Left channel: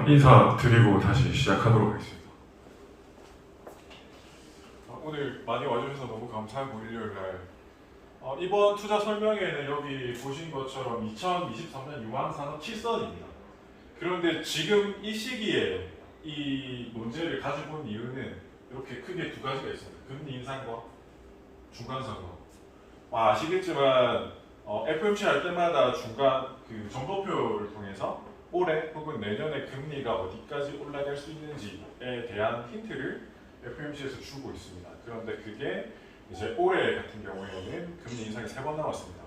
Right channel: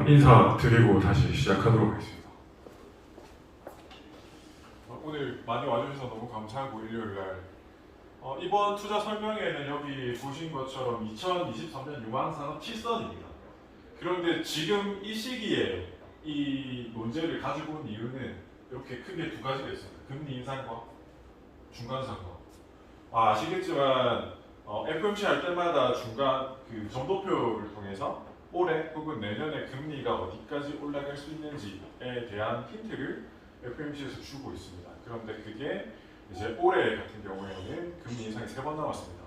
인사드리고 다시 시작하도록 하겠습니다. 오늘 많이 와주셔서 너무 감사하고 일요일날 이번 투자 설명회는 여기 보신 것처럼 2023년 유망산업 7선입니다. 그런데 지금 이 시기에 이 문제를 가지고 온 이유는 이렇게 크게 두 가지가 있습니다. 금리 인상과 중간 선거. 아시겠지만 FOMC 할 때마다 중간 그 정보표를 통해서 올해 혹은 내년에 금리가 어디까지 올라갈 수 있는지에 대한 힌트를 FOMC에서 주고 있습니다. 그런데 그게 이제 올해 같은 경우에는 금리 인상이 3번 나왔습니다.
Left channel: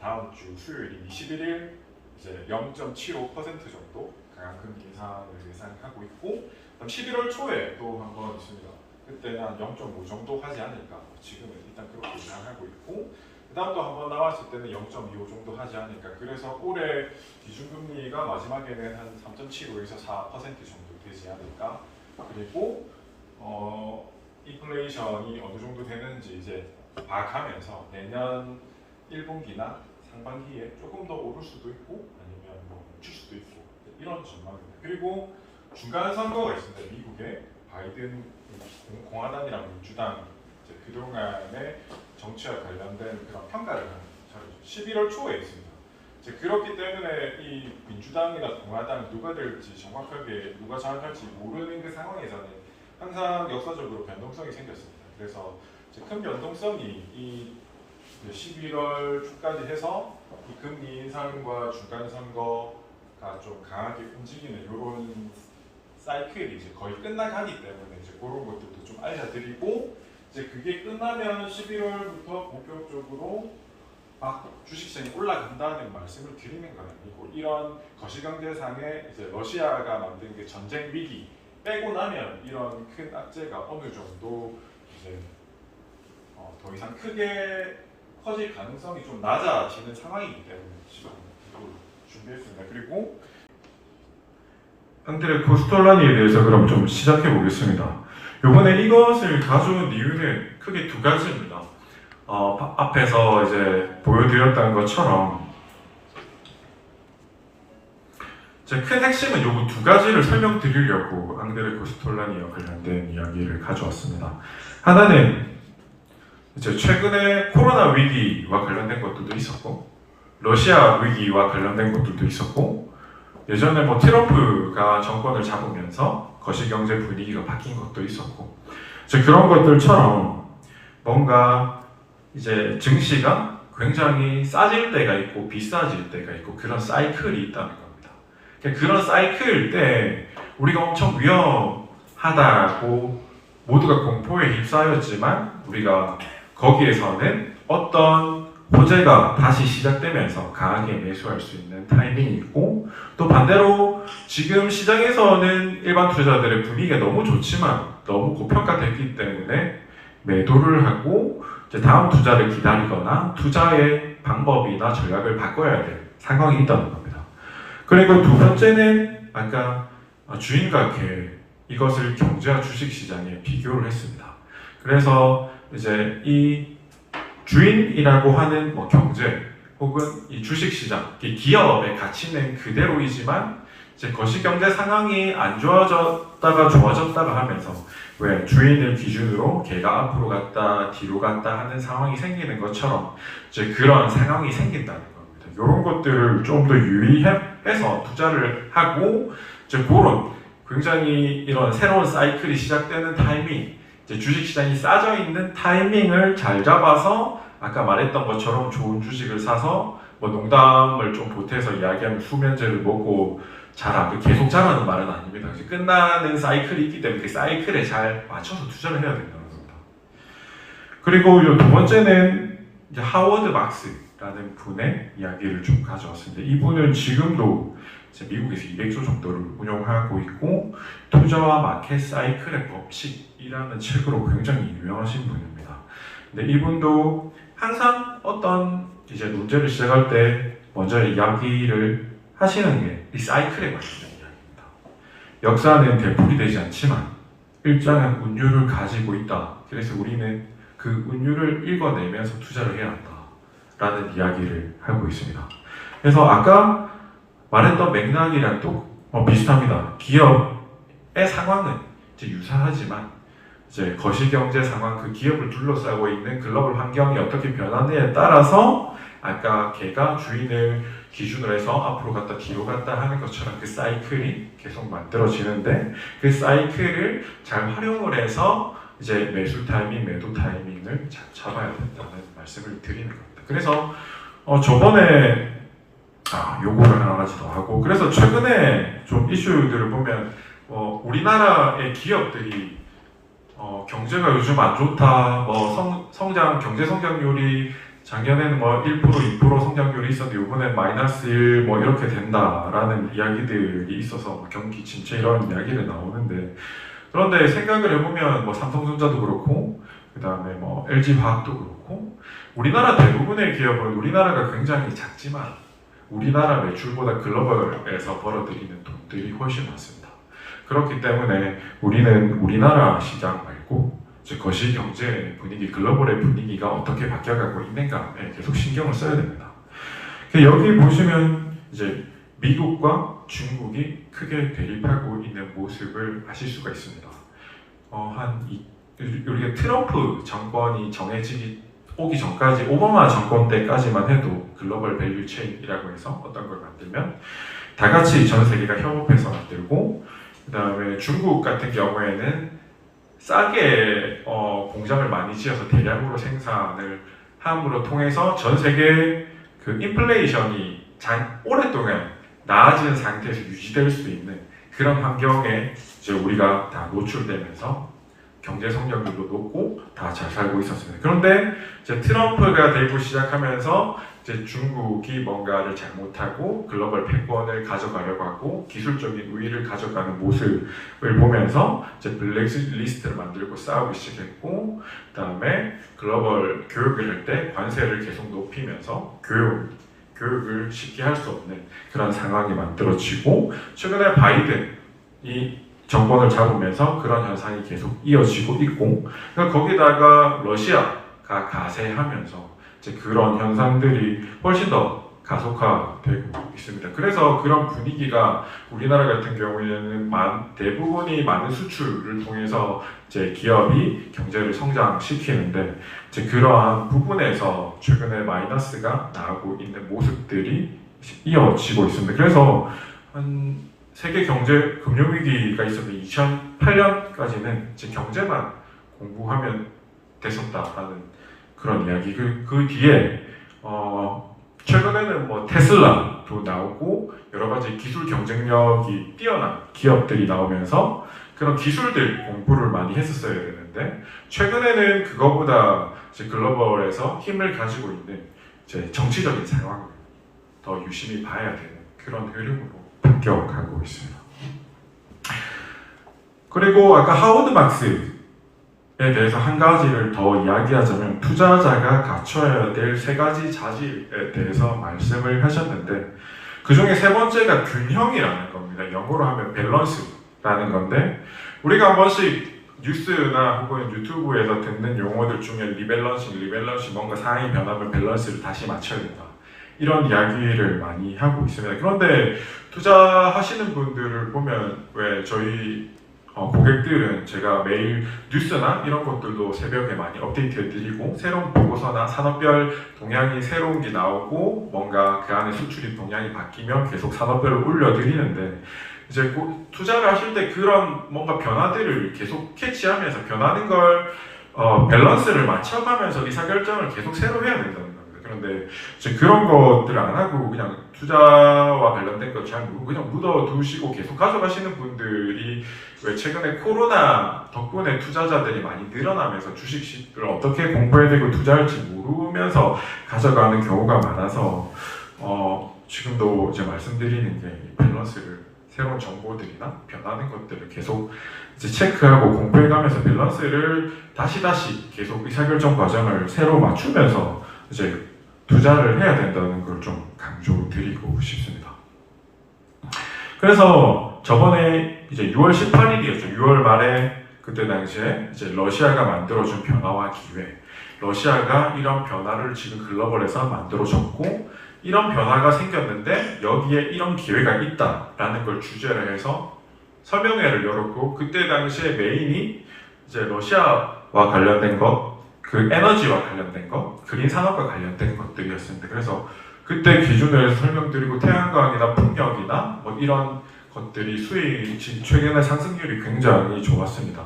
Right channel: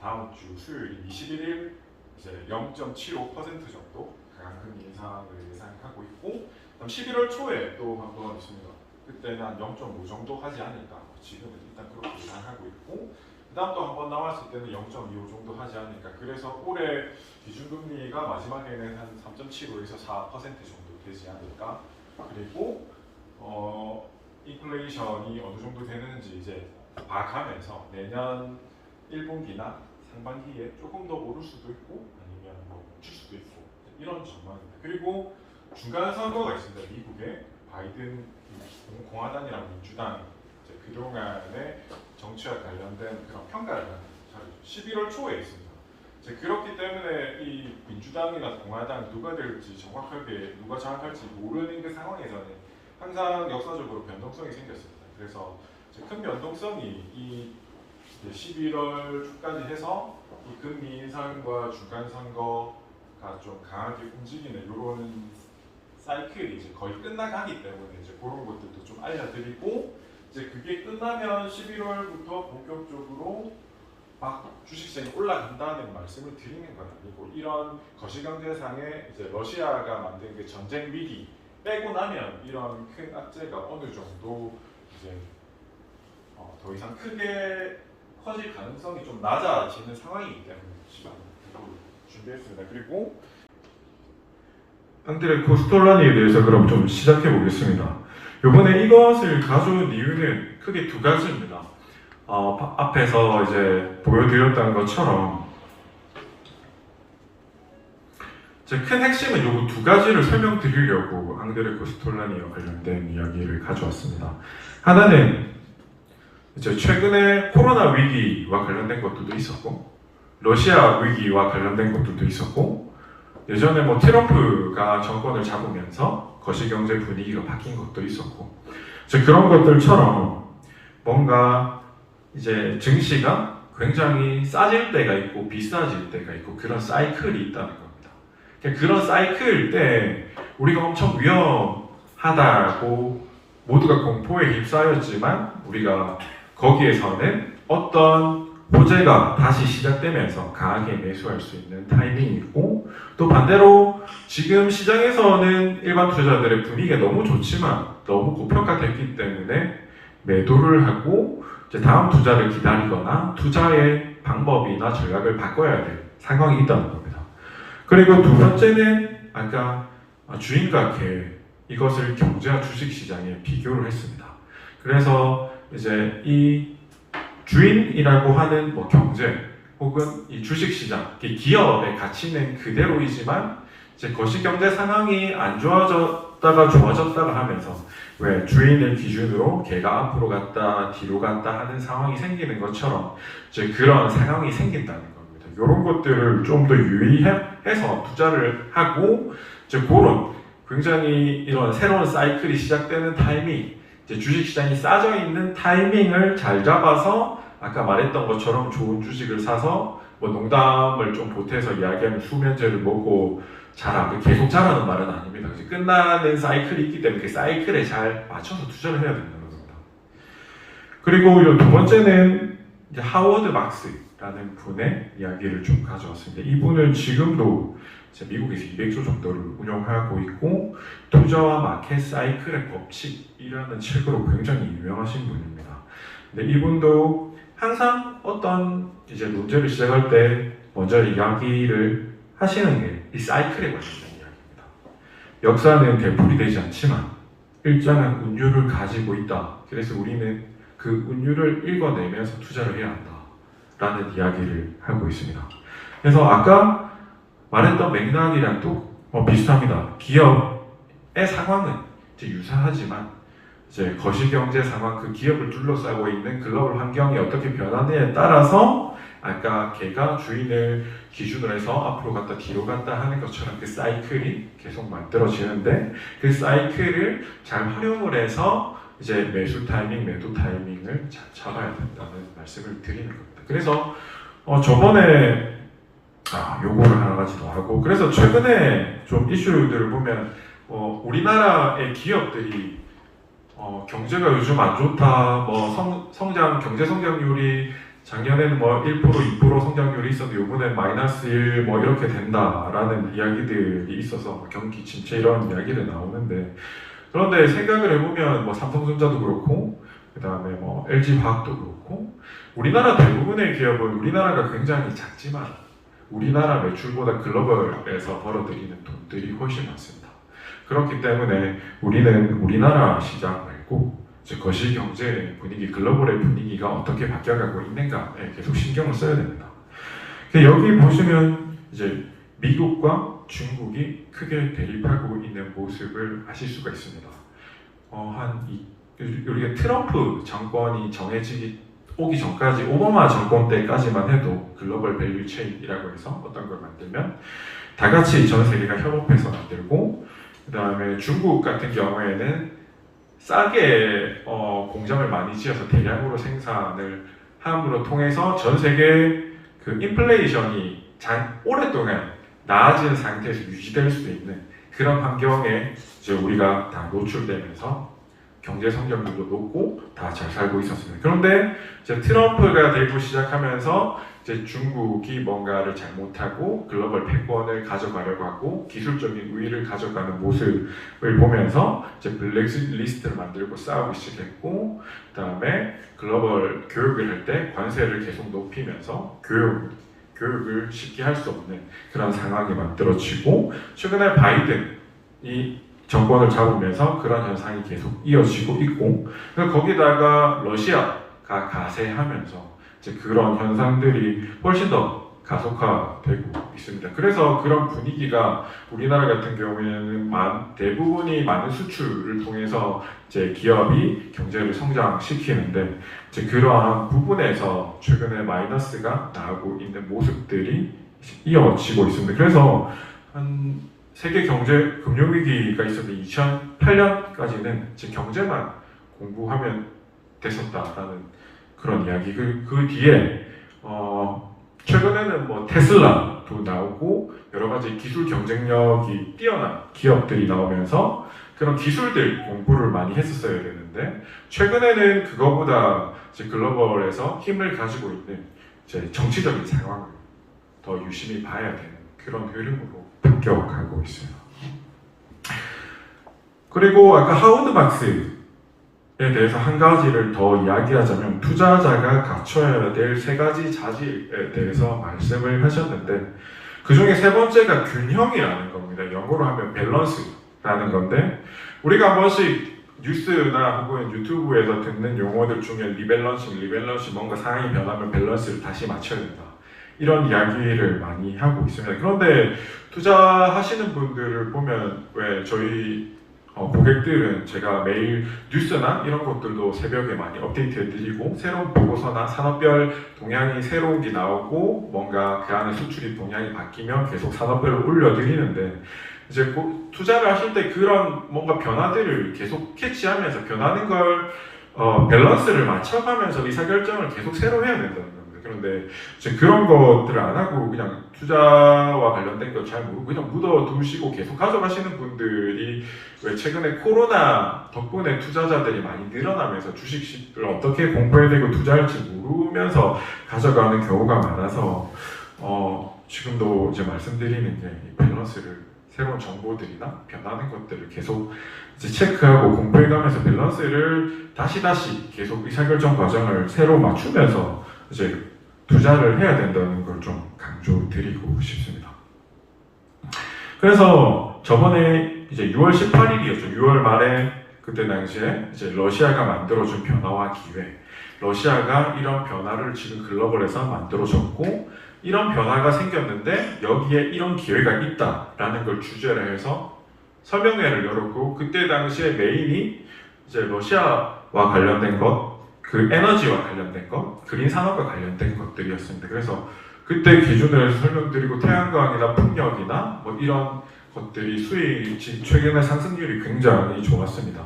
다음 주 수요일 21일 이제 0.75% 정도 강한 금리 인상을 예상하고 있고, 그다음 11월 초에 또 한 번 있습니다. 그때는 한 0.5 정도 하지 않을까. 지금은 일단 그렇게 예상하고 있고, 그다음 또 한 번 나왔을 때는 0.25 정도 하지 않을까. 그래서 올해 기준금리가 마지막에는 한 3.75에서 4% 정도 되지 않을까. 그리고 인플레이션이 어느 정도 되는지 이제 봐가면서 내년 1분기나 상반기에 조금 더 오를 수도 있고 아니면 멈출 수도 있고 이런 전망입니다. 그리고 중간 선거가 있습니다. 미국의 바이든 공화당이랑 민주당 그동안의 정치와 관련된 그런 평가를 하는 자료죠. 11월 초에 있습니다. 그렇기 때문에 이 민주당이나 공화당 누가 될지 정확하게 누가 장악할지 모르는 그 상황에서는 항상 역사적으로 변동성이 생겼습니다. 그래서 큰 변동성이 이 11월 초까지 해서 이 금리 인상과 중간 선거가 좀 강하게 움직이는 이런 사이클이 이제 거의 끝나가기 때문에 이제 그런 것들도 좀 알려드리고, 이제 그게 끝나면 11월부터 본격적으로 막 주식시장이 올라간다는 말씀을 드리는 건 아니고, 이런 거시경제상의 이제 러시아가 만든 그 전쟁 위기 빼고 나면 이런 큰 악재가 어느 정도 이제 더 이상 크게 커질 가능성이 좀 낮아지는 상황이기 때문에 지금 준비했습니다. 그리고 형들의 코스톨라니에 대해서 그럼 좀 시작해 보겠습니다. 이번에 이것을 가져온 이유는 크게 두 가지입니다. 앞에서 이제 보여드렸던 것처럼 큰 핵심은 요거 두 가지를 설명드리려고 앙드레 코스톨라니와 관련된 이야기를 가져왔습니다. 하나는 이제 최근에 코로나 위기와 관련된 것들도 있었고, 러시아 위기와 관련된 것들도 있었고, 예전에 뭐 트럼프가 정권을 잡으면서 거시경제 분위기가 바뀐 것도 있었고, 그런 것들처럼 뭔가 이제 증시가 굉장히 싸질 때가 있고 비싸질 때가 있고 그런 사이클이 있다는 겁니다. 그런 사이클 때 우리가 엄청 위험하다고 모두가 공포에 휩싸였지만 우리가 거기에서는 어떤 호재가 다시 시작되면서 강하게 매수할 수 있는 타이밍이 있고, 또 반대로 지금 시장에서는 일반 투자자들의 분위기가 너무 좋지만 너무 고평가됐기 때문에 매도를 하고 이제 다음 투자를 기다리거나 투자의 방법이나 전략을 바꿔야 될 상황이 있다는 겁니다. 그리고 두 번째는 아까 주인과 계획, 이것을 경제와 주식시장에 비교를 했습니다. 그래서 이제 이 주인이라고 하는 뭐 경제 혹은 이 주식시장, 기업의 가치는 그대로이지만 이제 거시경제 상황이 안 좋아졌다가 좋아졌다가 하면서 왜 주인을 기준으로 걔가 앞으로 갔다 뒤로 갔다 하는 상황이 생기는 것처럼 이제 그런 상황이 생긴다는 겁니다. 이런 것들을 좀 더 유의해서 투자를 하고 이제 그런 굉장히 이런 새로운 사이클이 시작되는 타이밍, 이제 주식시장이 싸져 있는 타이밍을 잘 잡아서 아까 말했던 것처럼 좋은 주식을 사서 뭐 농담을 좀 보태서 이야기하면 수면제를 먹고 자라, 계속 자라는 말은 아닙니다. 끝나는 사이클이 있기 때문에 그 사이클에 잘 맞춰서 투자를 해야 된다는 겁니다. 그리고 두 번째는 이제 하워드 막스라는 분의 이야기를 좀 가져왔습니다. 이분은 지금도 미국에서 200조 정도를 운영하고 있고 투자와 마켓 사이클의 법칙이라는 책으로 굉장히 유명하신 분입니다. 근데 이분도 항상 어떤 이제 논제를 시작할 때 먼저 이야기를 하시는 게 이 사이클에 관련된 이야기입니다. 역사는 되풀이되지 않지만 일정한 운율을 가지고 있다. 그래서 우리는 그 운율을 읽어내면서 투자를 해야 한다라는 이야기를 하고 있습니다. 그래서 아까 말했던 맥락이랑 비슷합니다. 기업의 상황은 이제 유사하지만 이제 거시경제 상황, 그 기업을 둘러싸고 있는 글로벌 환경이 어떻게 변하느냐에 따라서 아까 개가 주인을 기준으로 해서 앞으로 갔다 뒤로 갔다 하는 것처럼 그 사이클이 계속 만들어지는데, 그 사이클을 잘 활용을 해서 이제 매수 타이밍, 매도 타이밍을 잘 잡아야 된다는 말씀을 드리는 겁니다. 그래서 저번에 요거를 하나 가지 더 하고, 그래서 최근에 좀 이슈들을 보면 우리나라의 기업들이 경제가 요즘 안 좋다, 성장, 경제 성장률이 작년에는 1%, 2% 성장률이 있었는데 이번엔 마이너스 1 이렇게 된다라는 이야기들이 있어서 경기 침체 이런 이야기를 나오는데, 그런데 생각을 해보면 삼성전자도 그렇고 그 다음에 LG화학도 그렇고 우리나라 대부분의 기업은 우리나라가 굉장히 작지만 우리나라 매출보다 글로벌에서 벌어들이는 돈들이 훨씬 많습니다. 그렇기 때문에 우리는 우리나라 시장 말고 거시 경제 분위기, 글로벌의 분위기가 어떻게 바뀌어가고 있는가에 계속 신경을 써야 됩니다. 여기 보시면 이제 미국과 중국이 크게 대립하고 있는 모습을 아실 수가 있습니다. 우리가 트럼프 정권이 오기 전까지, 오바마 정권 때까지만 해도 글로벌 밸류 체인이라고 해서 어떤 걸 만들면 다 같이 전 세계가 협업해서 만들고, 그 다음에 중국 같은 경우에는 싸게 공장을 많이 지어서 대량으로 생산을 함으로 통해서 전 세계 그 인플레이션이 오랫동안 나아진 상태에서 유지될 수 있는 그런 환경에 이제 우리가 다 노출되면서 경제 성장률도 높고 다 잘 살고 있었습니다. 그런데 이제 트럼프가 되고 시작하면서 이제 중국이 뭔가를 잘못하고 글로벌 패권을 가져가려고 하고 기술적인 우위를 가져가는 모습을 보면서 이제 블랙리스트를 만들고 싸우기 시작했고, 그다음에 글로벌 교육을 할 때 관세를 계속 높이면서 교육을 쉽게 할 수 없는 그런 상황이 만들어지고, 최근에 바이든이 정권을 잡으면서 그런 현상이 계속 이어지고 있고, 그러니까 거기다가 러시아가 가세하면서 이제 그런 현상들이 훨씬 더 가속화되고 있습니다. 그래서 그런 분위기가 우리나라 같은 경우에는 대부분이 많은 수출을 통해서 이제 기업이 경제를 성장시키는데, 이제 그러한 부분에서 최근에 마이너스가 나오고 있는 모습들이 이어지고 있습니다. 그래서 세계 경제 금융위기가 있었는데 2008년까지는 경제만 공부하면 됐었다라는 그런 이야기. 그 뒤에 최근에는 테슬라도 나오고 여러 가지 기술 경쟁력이 뛰어난 기업들이 나오면서 그런 기술들 공부를 많이 했었어야 되는데, 최근에는 그거보다 이제 글로벌에서 힘을 가지고 있는 이제 정치적인 상황을 더 유심히 봐야 되는 그런 흐름으로 바뀌어가고 있습니다. 그리고 아까 하워드 막스에 대해서 한 가지를 더 이야기하자면, 투자자가 갖춰야 될 3가지 자질에 대해서 말씀을 하셨는데, 그 중에 3번째가 균형이라는 겁니다. 영어로 하면 밸런스라는 건데, 우리가 한 번씩 뉴스나 혹은 유튜브에서 듣는 용어들 중에 리밸런싱, 뭔가 상황이 변하면 밸런스를 다시 맞춰야 된다, 이런 이야기를 많이 하고 있습니다. 그런데 투자하시는 분들을 보면 왜 저희 고객들은 제가 매일 뉴스나 이런 것들도 새벽에 많이 업데이트해드리고, 새로운 보고서나 산업별 동향이 새로운 게 나오고 뭔가 그 안에 수출입 동향이 바뀌면 계속 산업별로 올려드리는데, 이제 투자를 하실 때 그런 뭔가 변화들을 계속 캐치하면서 변하는 걸 밸런스를 맞춰가면서 의사결정을 계속 새로 해야 된다는 겁니다. 그런데 이제 그런 것들을 안 하고 그냥 투자와 관련된 걸 잘 모르고 그냥 묻어두시고 계속 가져가시는 분들이, 왜 최근에 코로나 덕분에 투자자들이 많이 늘어나면서 주식을 어떻게 공부해야 되고 투자할지 모르면서 가져가는 경우가 많아서 지금도 이제 말씀드리는 게 밸런스를, 새로운 정보들이나 변하는 것들을 계속 이제 체크하고 공부해가면서 밸런스를 다시 계속 의사결정 과정을 새로 맞추면서 이제 투자를 해야 된다는 걸 좀 강조드리고 싶습니다. 그래서 저번에 이제 6월 18일이었죠. 6월 말에 그때 당시에 이제 러시아가 만들어준 변화와 기회, 러시아가 이런 변화를 지금 글로벌에서 만들어줬고, 이런 변화가 생겼는데 여기에 이런 기회가 있다라는 걸 주제로 해서 설명회를 열었고 그때 당시에 메인이 이제 러시아와 관련된 것, 그 에너지와 관련된 것, 그린 산업과 관련된 것들이었습니다. 그래서 그때 기준을 설명드리고 태양광이나 풍력이나 뭐 이런 것들이 수익 최근에 상승률이 굉장히 좋았습니다.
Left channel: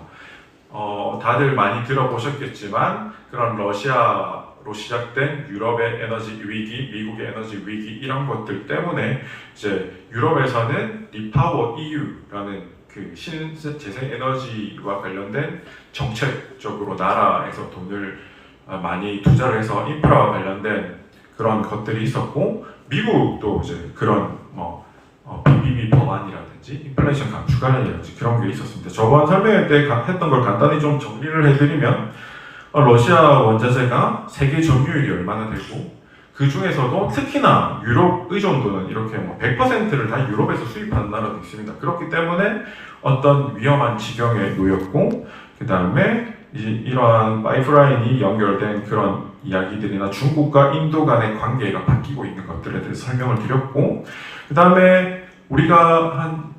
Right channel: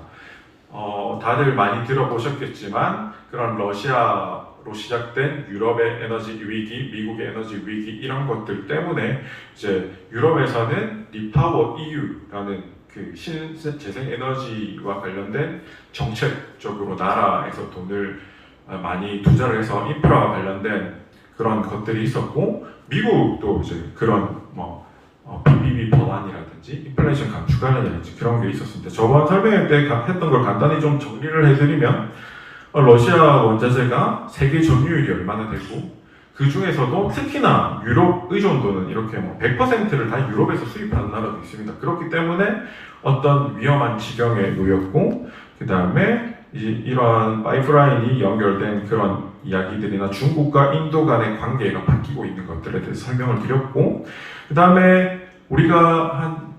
다들 많이 들어보셨겠지만 그런 러시아로 시작된 유럽의 에너지 위기, 미국의 에너지 위기 이런 것들 때문에 이제 유럽에서는 리파워 EU라는 그 신재생 에너지와 관련된 정책적으로 나라에서 돈을 많이 투자를 해서 인프라와 관련된 그런 것들이 있었고 미국도 이제 그런 BBB 법안이라든지 인플레이션 감축안이라든지 그런 게 있었습니다. 저번 설명회 때 했던 걸 간단히 좀 정리를 해드리면 러시아 원자재가 세계 점유율이 얼마나 되고 그 중에서도 특히나 유럽 의존도는 이렇게 100%를 다 유럽에서 수입하는 나라도 있습니다. 그렇기 때문에 어떤 위험한 지경에 놓였고 그 다음에 이러한 파이프라인이 연결된 그런 이야기들이나 중국과 인도 간의 관계가 바뀌고 있는 것들에 대해서 설명을 드렸고 그 다음에 우리가 한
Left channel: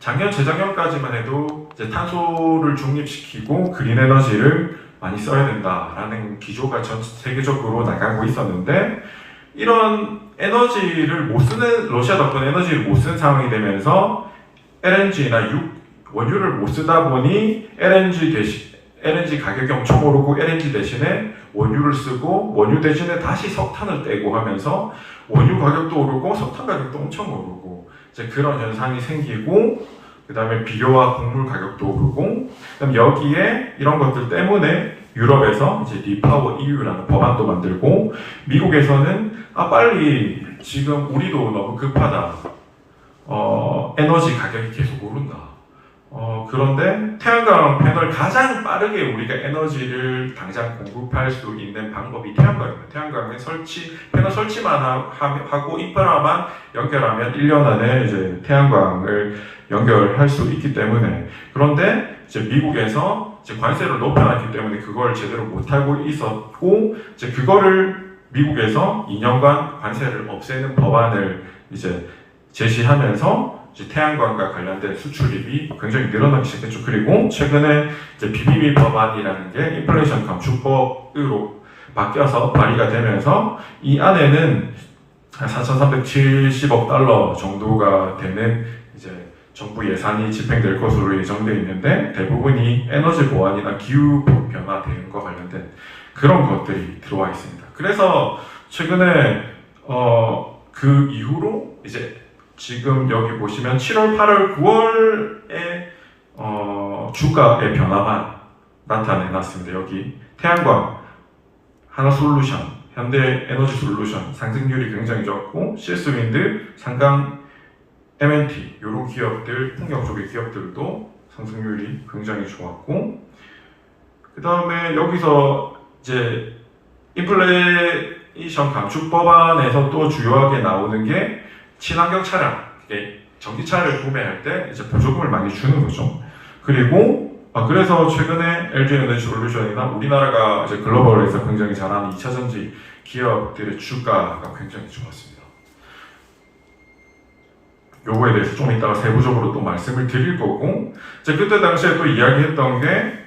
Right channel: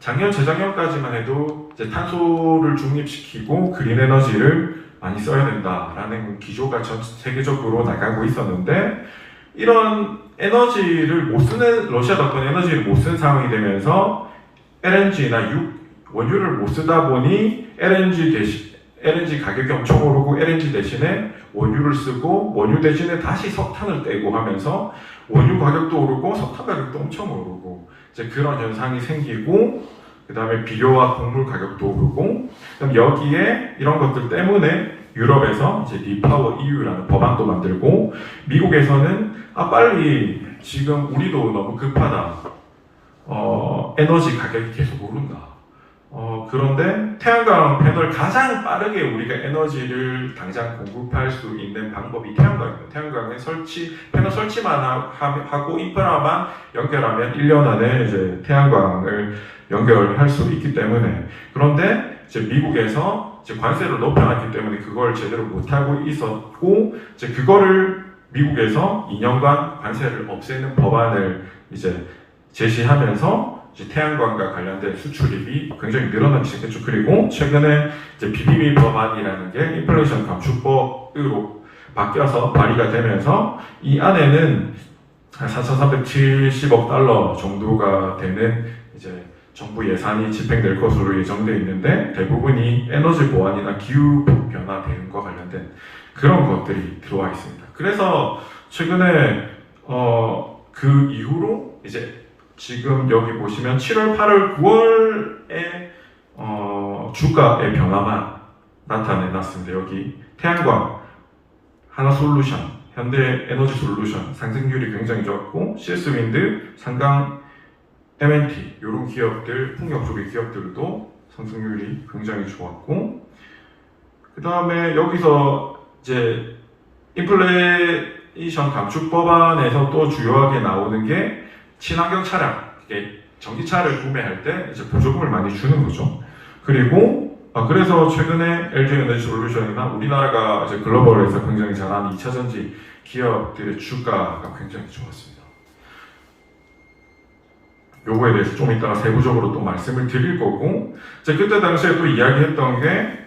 작년 재작년까지만 해도 이제 탄소를 중립시키고 그린 에너지를 많이 써야 된다라는 기조가 전 세계적으로 나가고 있었는데 이런 에너지를 못 쓰는 러시아 덕분에 에너지를 못 쓰는 상황이 되면서 LNG나 원유를 못 쓰다 보니 LNG 가격이 엄청 오르고 LNG 대신에 원유를 쓰고 원유 대신에 다시 석탄을 떼고 하면서 원유 가격도 오르고 석탄 가격도 엄청 오르고 이제 그런 현상이 생기고 그 다음에 비료와 곡물 가격도 오르고 그다음 여기에 이런 것들 때문에 유럽에서 이제 리파워 EU라는 법안도 만들고 미국에서는 빨리 지금 우리도 너무 급하다. 에너지 가격이 계속 오른다. 그런데 태양광 패널 가장 빠르게 우리가 에너지를 당장 공급할 수 있는 방법이 태양광입니다. 태양광에 패널 설치만 하고 인프라만 연결하면 1년 안에 이제 태양광을 연결할 수 있기 때문에 그런데 이제 미국에서 이제 관세를 높여놨기 때문에 그걸 제대로 못하고 있었고 이제 그거를 미국에서 2년간 관세를 없애는 법안을 이제 제시하면서 이제 태양광과 관련된 수출입이 굉장히 늘어나기 시작했죠. 그리고 최근에 이제 BBB 법안이라는 게 인플레이션 감축법으로 바뀌어서 발의가 되면서 이 안에는 4,370억 달러 정도가 되는 이제 정부 예산이 집행될 것으로 예정되어 있는데 대부분이 에너지 보안이나 기후 변화 대응과 관련된 그런 것들이 들어와 있습니다. 그래서 최근에 그 이후로 이제 지금 여기 보시면 7월, 8월, 9월에 주가의 변화만 나타내놨습니다. 여기 태양광, 하나솔루션, 현대에너지솔루션 상승률이 굉장히 좋았고 CS윈드, 상강, M&T 이런 기업들, 풍력 조리 기업들도 상승률이 굉장히 좋았고 그 다음에 여기서 이제 인플레이션 감축 법안에서 또 주요하게 나오는 게 친환경 차량, 전기차를 구매할 때 이제 보조금을 많이 주는 거죠. 그리고 그래서 최근에 LG에너지솔루션이나 우리나라가 이제 글로벌에서 굉장히 잘하는 2차전지 기업들의 주가가 굉장히 좋았습니다. 요거에 대해서 좀 이따가 세부적으로 또 말씀을 드릴 거고 이제 그때 당시에 또 이야기했던 게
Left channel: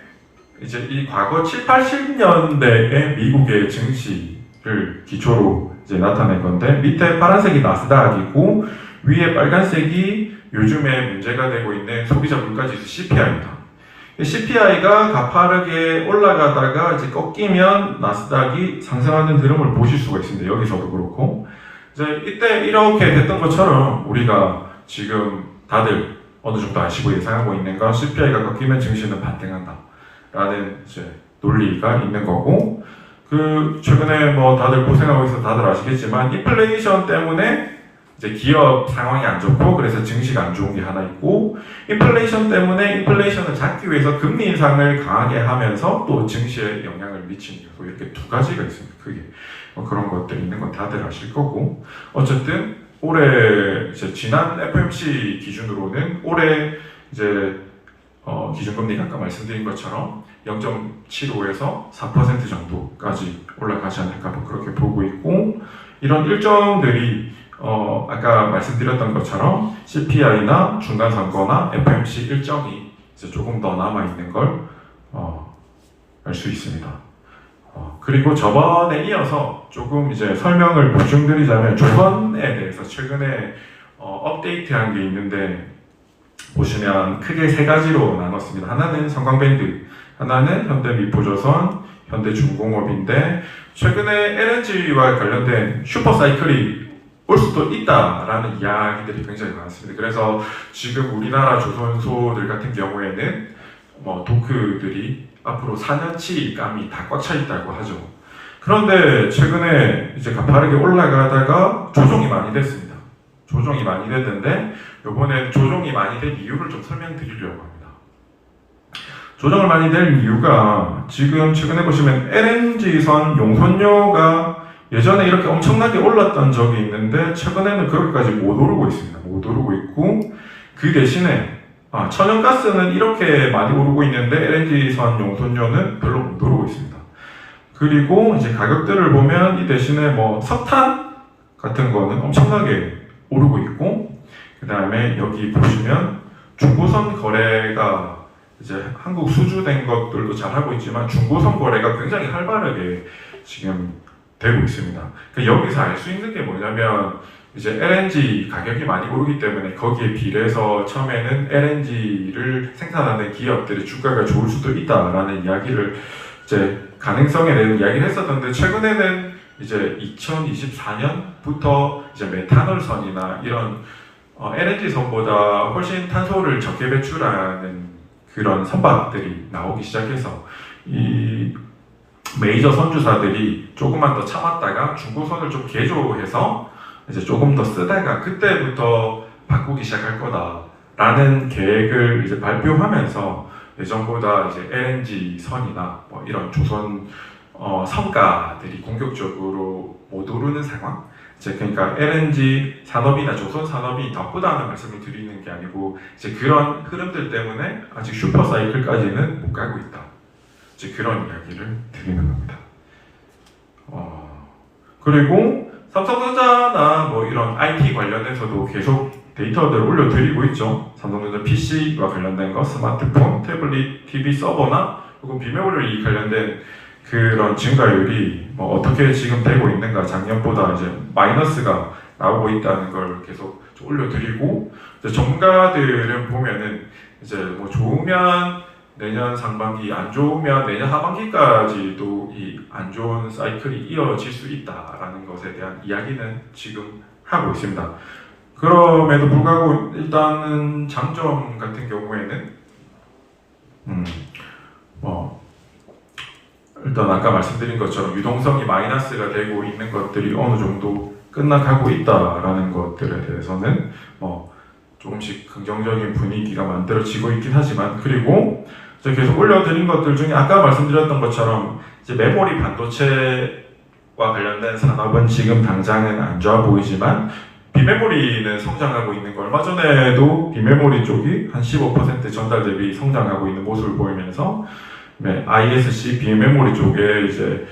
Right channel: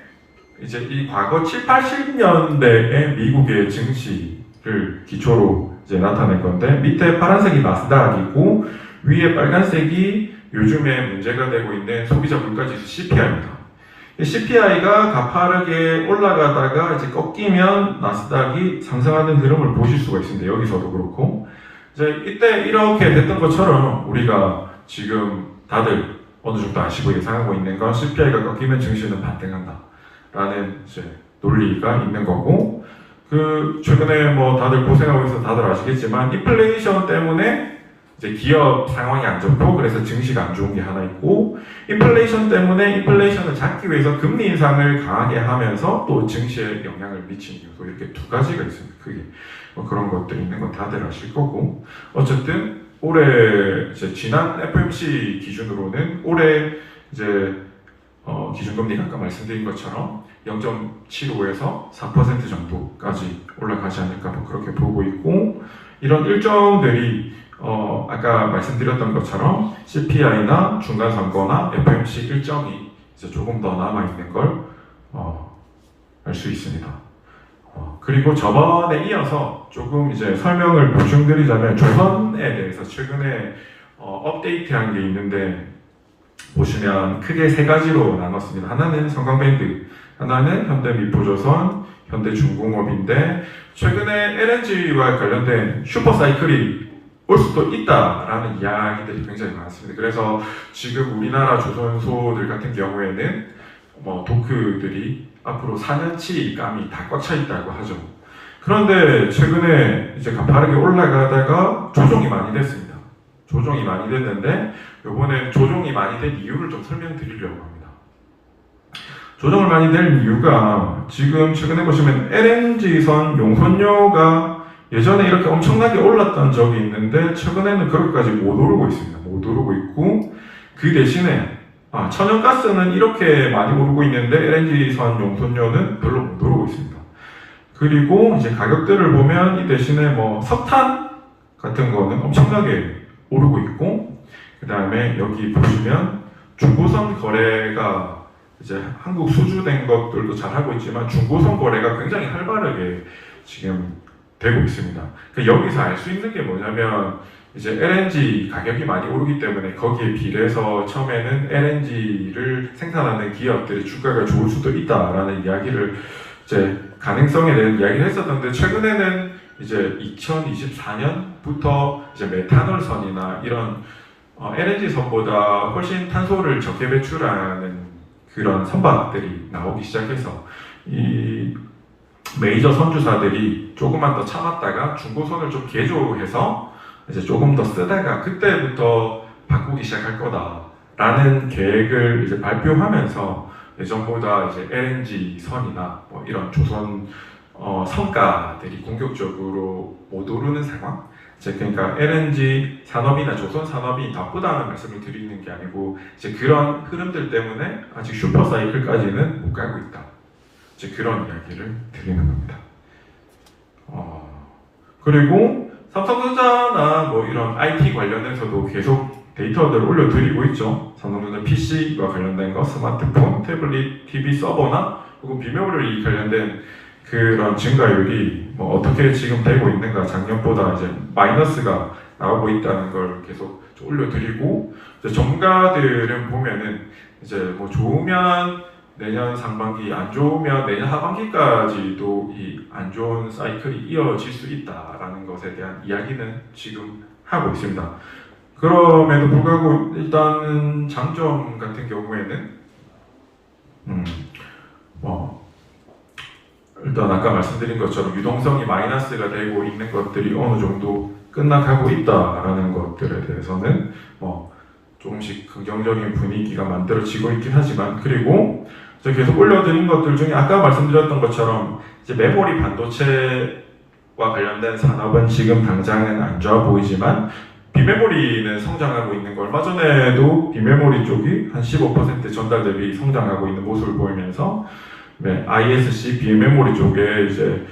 이제 이 과거 7, 80년대의 미국의 증시를 기초로 이제 나타낸 건데 밑에 파란색이 나스닥이고 위에 빨간색이 요즘에 문제가 되고 있는 소비자 물가지수 CPI입니다. CPI가 가파르게 올라가다가 이제 꺾이면 나스닥이 상승하는 흐름을 보실 수가 있습니다. 여기서도 그렇고 이제 이때 이렇게 됐던 것처럼 우리가 지금 다들 어느 정도 아시고 예상하고 있는 건 CPI가 꺾이면 증시는 반등한다 라는 이제 논리가 있는 거고 그 최근에 뭐 다들 고생하고 있어서 다들 아시겠지만 인플레이션 때문에 이제 기업 상황이 안 좋고 그래서 증시가 안 좋은 게 하나 있고 인플레이션 때문에 인플레이션을 잡기 위해서 금리 인상을 강하게 하면서 또 증시에 영향을 미치는 요소 이렇게 두 가지가 있습니다. 크게 뭐 그런 것들이 있는 건 다들 아실 거고 어쨌든 올해 이제 지난 FOMC 기준으로는 올해 이제 기준금리가 아까 말씀드린 것처럼 0.75에서 4% 정도까지 올라가지 않을까 뭐 그렇게 보고 있고 이런 일정들이 아까 말씀드렸던 것처럼 CPI나 중간선거나 FOMC 일정이 이제 조금 더 남아 있는 걸 알 수 있습니다. 그리고 저번에 이어서 조금 이제 설명을 보충드리자면 조선에 대해서 최근에 업데이트한 게 있는데 보시면 크게 세 가지로 나눴습니다. 하나는 성광밴드, 하나는 현대미포조선, 현대중공업인데 최근에 LNG와 관련된 슈퍼사이클이 올 수도 있다라는 이야기들이 굉장히 많습니다. 그래서 지금 우리나라 조선소들 같은 경우에는 도크들이 앞으로 4년치 감이 다 꽉 차 있다고 하죠. 그런데 최근에 이제 가파르게 올라가다가 조정이 많이 됐습니다. 조정이 많이 됐는데 이번에 조정이 많이 된 이유를 좀 설명드리려고 합니다. 조정을 많이 된 이유가 지금 최근에 보시면 LNG선 용선료가 예전에 이렇게 엄청나게 올랐던 적이 있는데 최근에는 그렇게까지 못 오르고 있습니다. 못 오르고 있고 그 대신에 천연가스는 이렇게 많이 오르고 있는데 LNG선 용선료는 별로 못 오르고 있습니다. 그리고 이제 가격들을 보면 이 대신에 석탄 같은 거는 엄청나게 오르고 있고 그 다음에 여기 보시면 중고선 거래가 이제 한국 수주된 것들도 잘 하고 있지만 중고선 거래가 굉장히 활발하게 지금 되고 있습니다. 여기서 알 수 있는 게 뭐냐면 이제 LNG 가격이 많이 오르기 때문에 거기에 비례해서 처음에는 LNG를 생산하는 기업들의 주가가 좋을 수도 있다라는 이야기를 이제 가능성에 대한 이야기를 했었는데 최근에는 이제 2024년부터 이제 메탄올선이나 이런 LNG 선보다 훨씬 탄소를 적게 배출하는 그런 선박들이 나오기 시작해서 이 메이저 선주사들이 조금만 더 참았다가 중고선을 좀 개조해서 이제 조금 더 쓰다가 그때부터 바꾸기 시작할 거다라는 계획을 이제 발표하면서 예전보다 이제 LNG 선이나 이런 조선 성가들이 공격적으로 못 오르는 상황. 그러니까 LNG 산업이나 조선 산업이 나쁘다는 말씀을 드리는 게 아니고 이제 그런 흐름들 때문에 아직 슈퍼 사이클까지는 못 가고 있다. 이제 그런 이야기를 드리는 겁니다. 그리고 삼성전자나 이런 IT 관련해서도 계속 데이터들을 올려드리고 있죠. 삼성전자 PC와 관련된 거, 스마트폰, 태블릿, TV 서버나 혹은 비메모리 관련된 그런 증가율이 어떻게 지금 되고 있는가, 작년보다 이제 마이너스가 나오고 있다는 걸 계속 올려드리고, 이제 전문가들은 보면은 이제 좋으면 내년 상반기, 안 좋으면 내년 하반기까지도 이 안 좋은 사이클이 이어질 수 있다라는 것에 대한 이야기는 지금 하고 있습니다. 그럼에도 불구하고 일단은 장점 같은 경우에는 일단 아까 말씀드린 것처럼 유동성이 마이너스가 되고 있는 것들이 어느 정도 끝나가고 있다라는 것들에 대해서는 조금씩 긍정적인 분위기가 만들어지고 있긴 하지만, 그리고 제가 계속 올려드린 것들 중에 아까 말씀드렸던 것처럼 이제 메모리 반도체와 관련된 산업은 지금 당장은 안 좋아 보이지만 비메모리는 성장하고 있는 거, 얼마 전에도 비메모리 쪽이 한 15% 전달 대비 성장하고 있는 모습을 보이면서 ISC 비메모리 쪽에 이제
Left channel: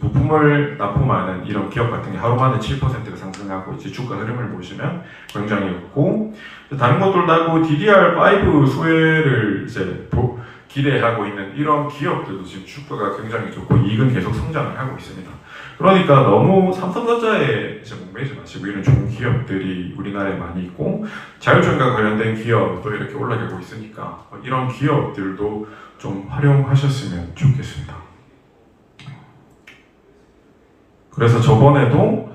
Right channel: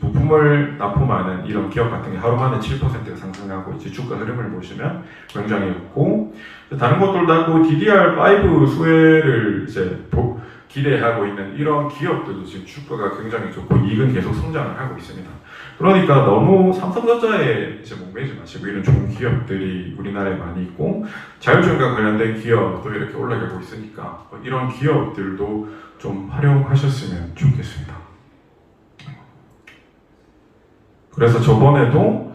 부품을 납품하는 이런 기업 같은 게 하루 만에 7%가 상승하고 이제 주가 흐름을 보시면 굉장히 좋고, 다른 것들도 하고 DDR5 수혜를 이제 기대하고 있는 이런 기업들도 지금 주가가 굉장히 좋고 이익은 계속 성장을 하고 있습니다. 그러니까 너무 삼성전자에 이제 목매지 마시고 이런 좋은 기업들이 우리나라에 많이 있고 자율주행과 관련된 기업도 이렇게 올라가고 있으니까 이런 기업들도 좀 활용하셨으면 좋겠습니다. 그래서 저번에도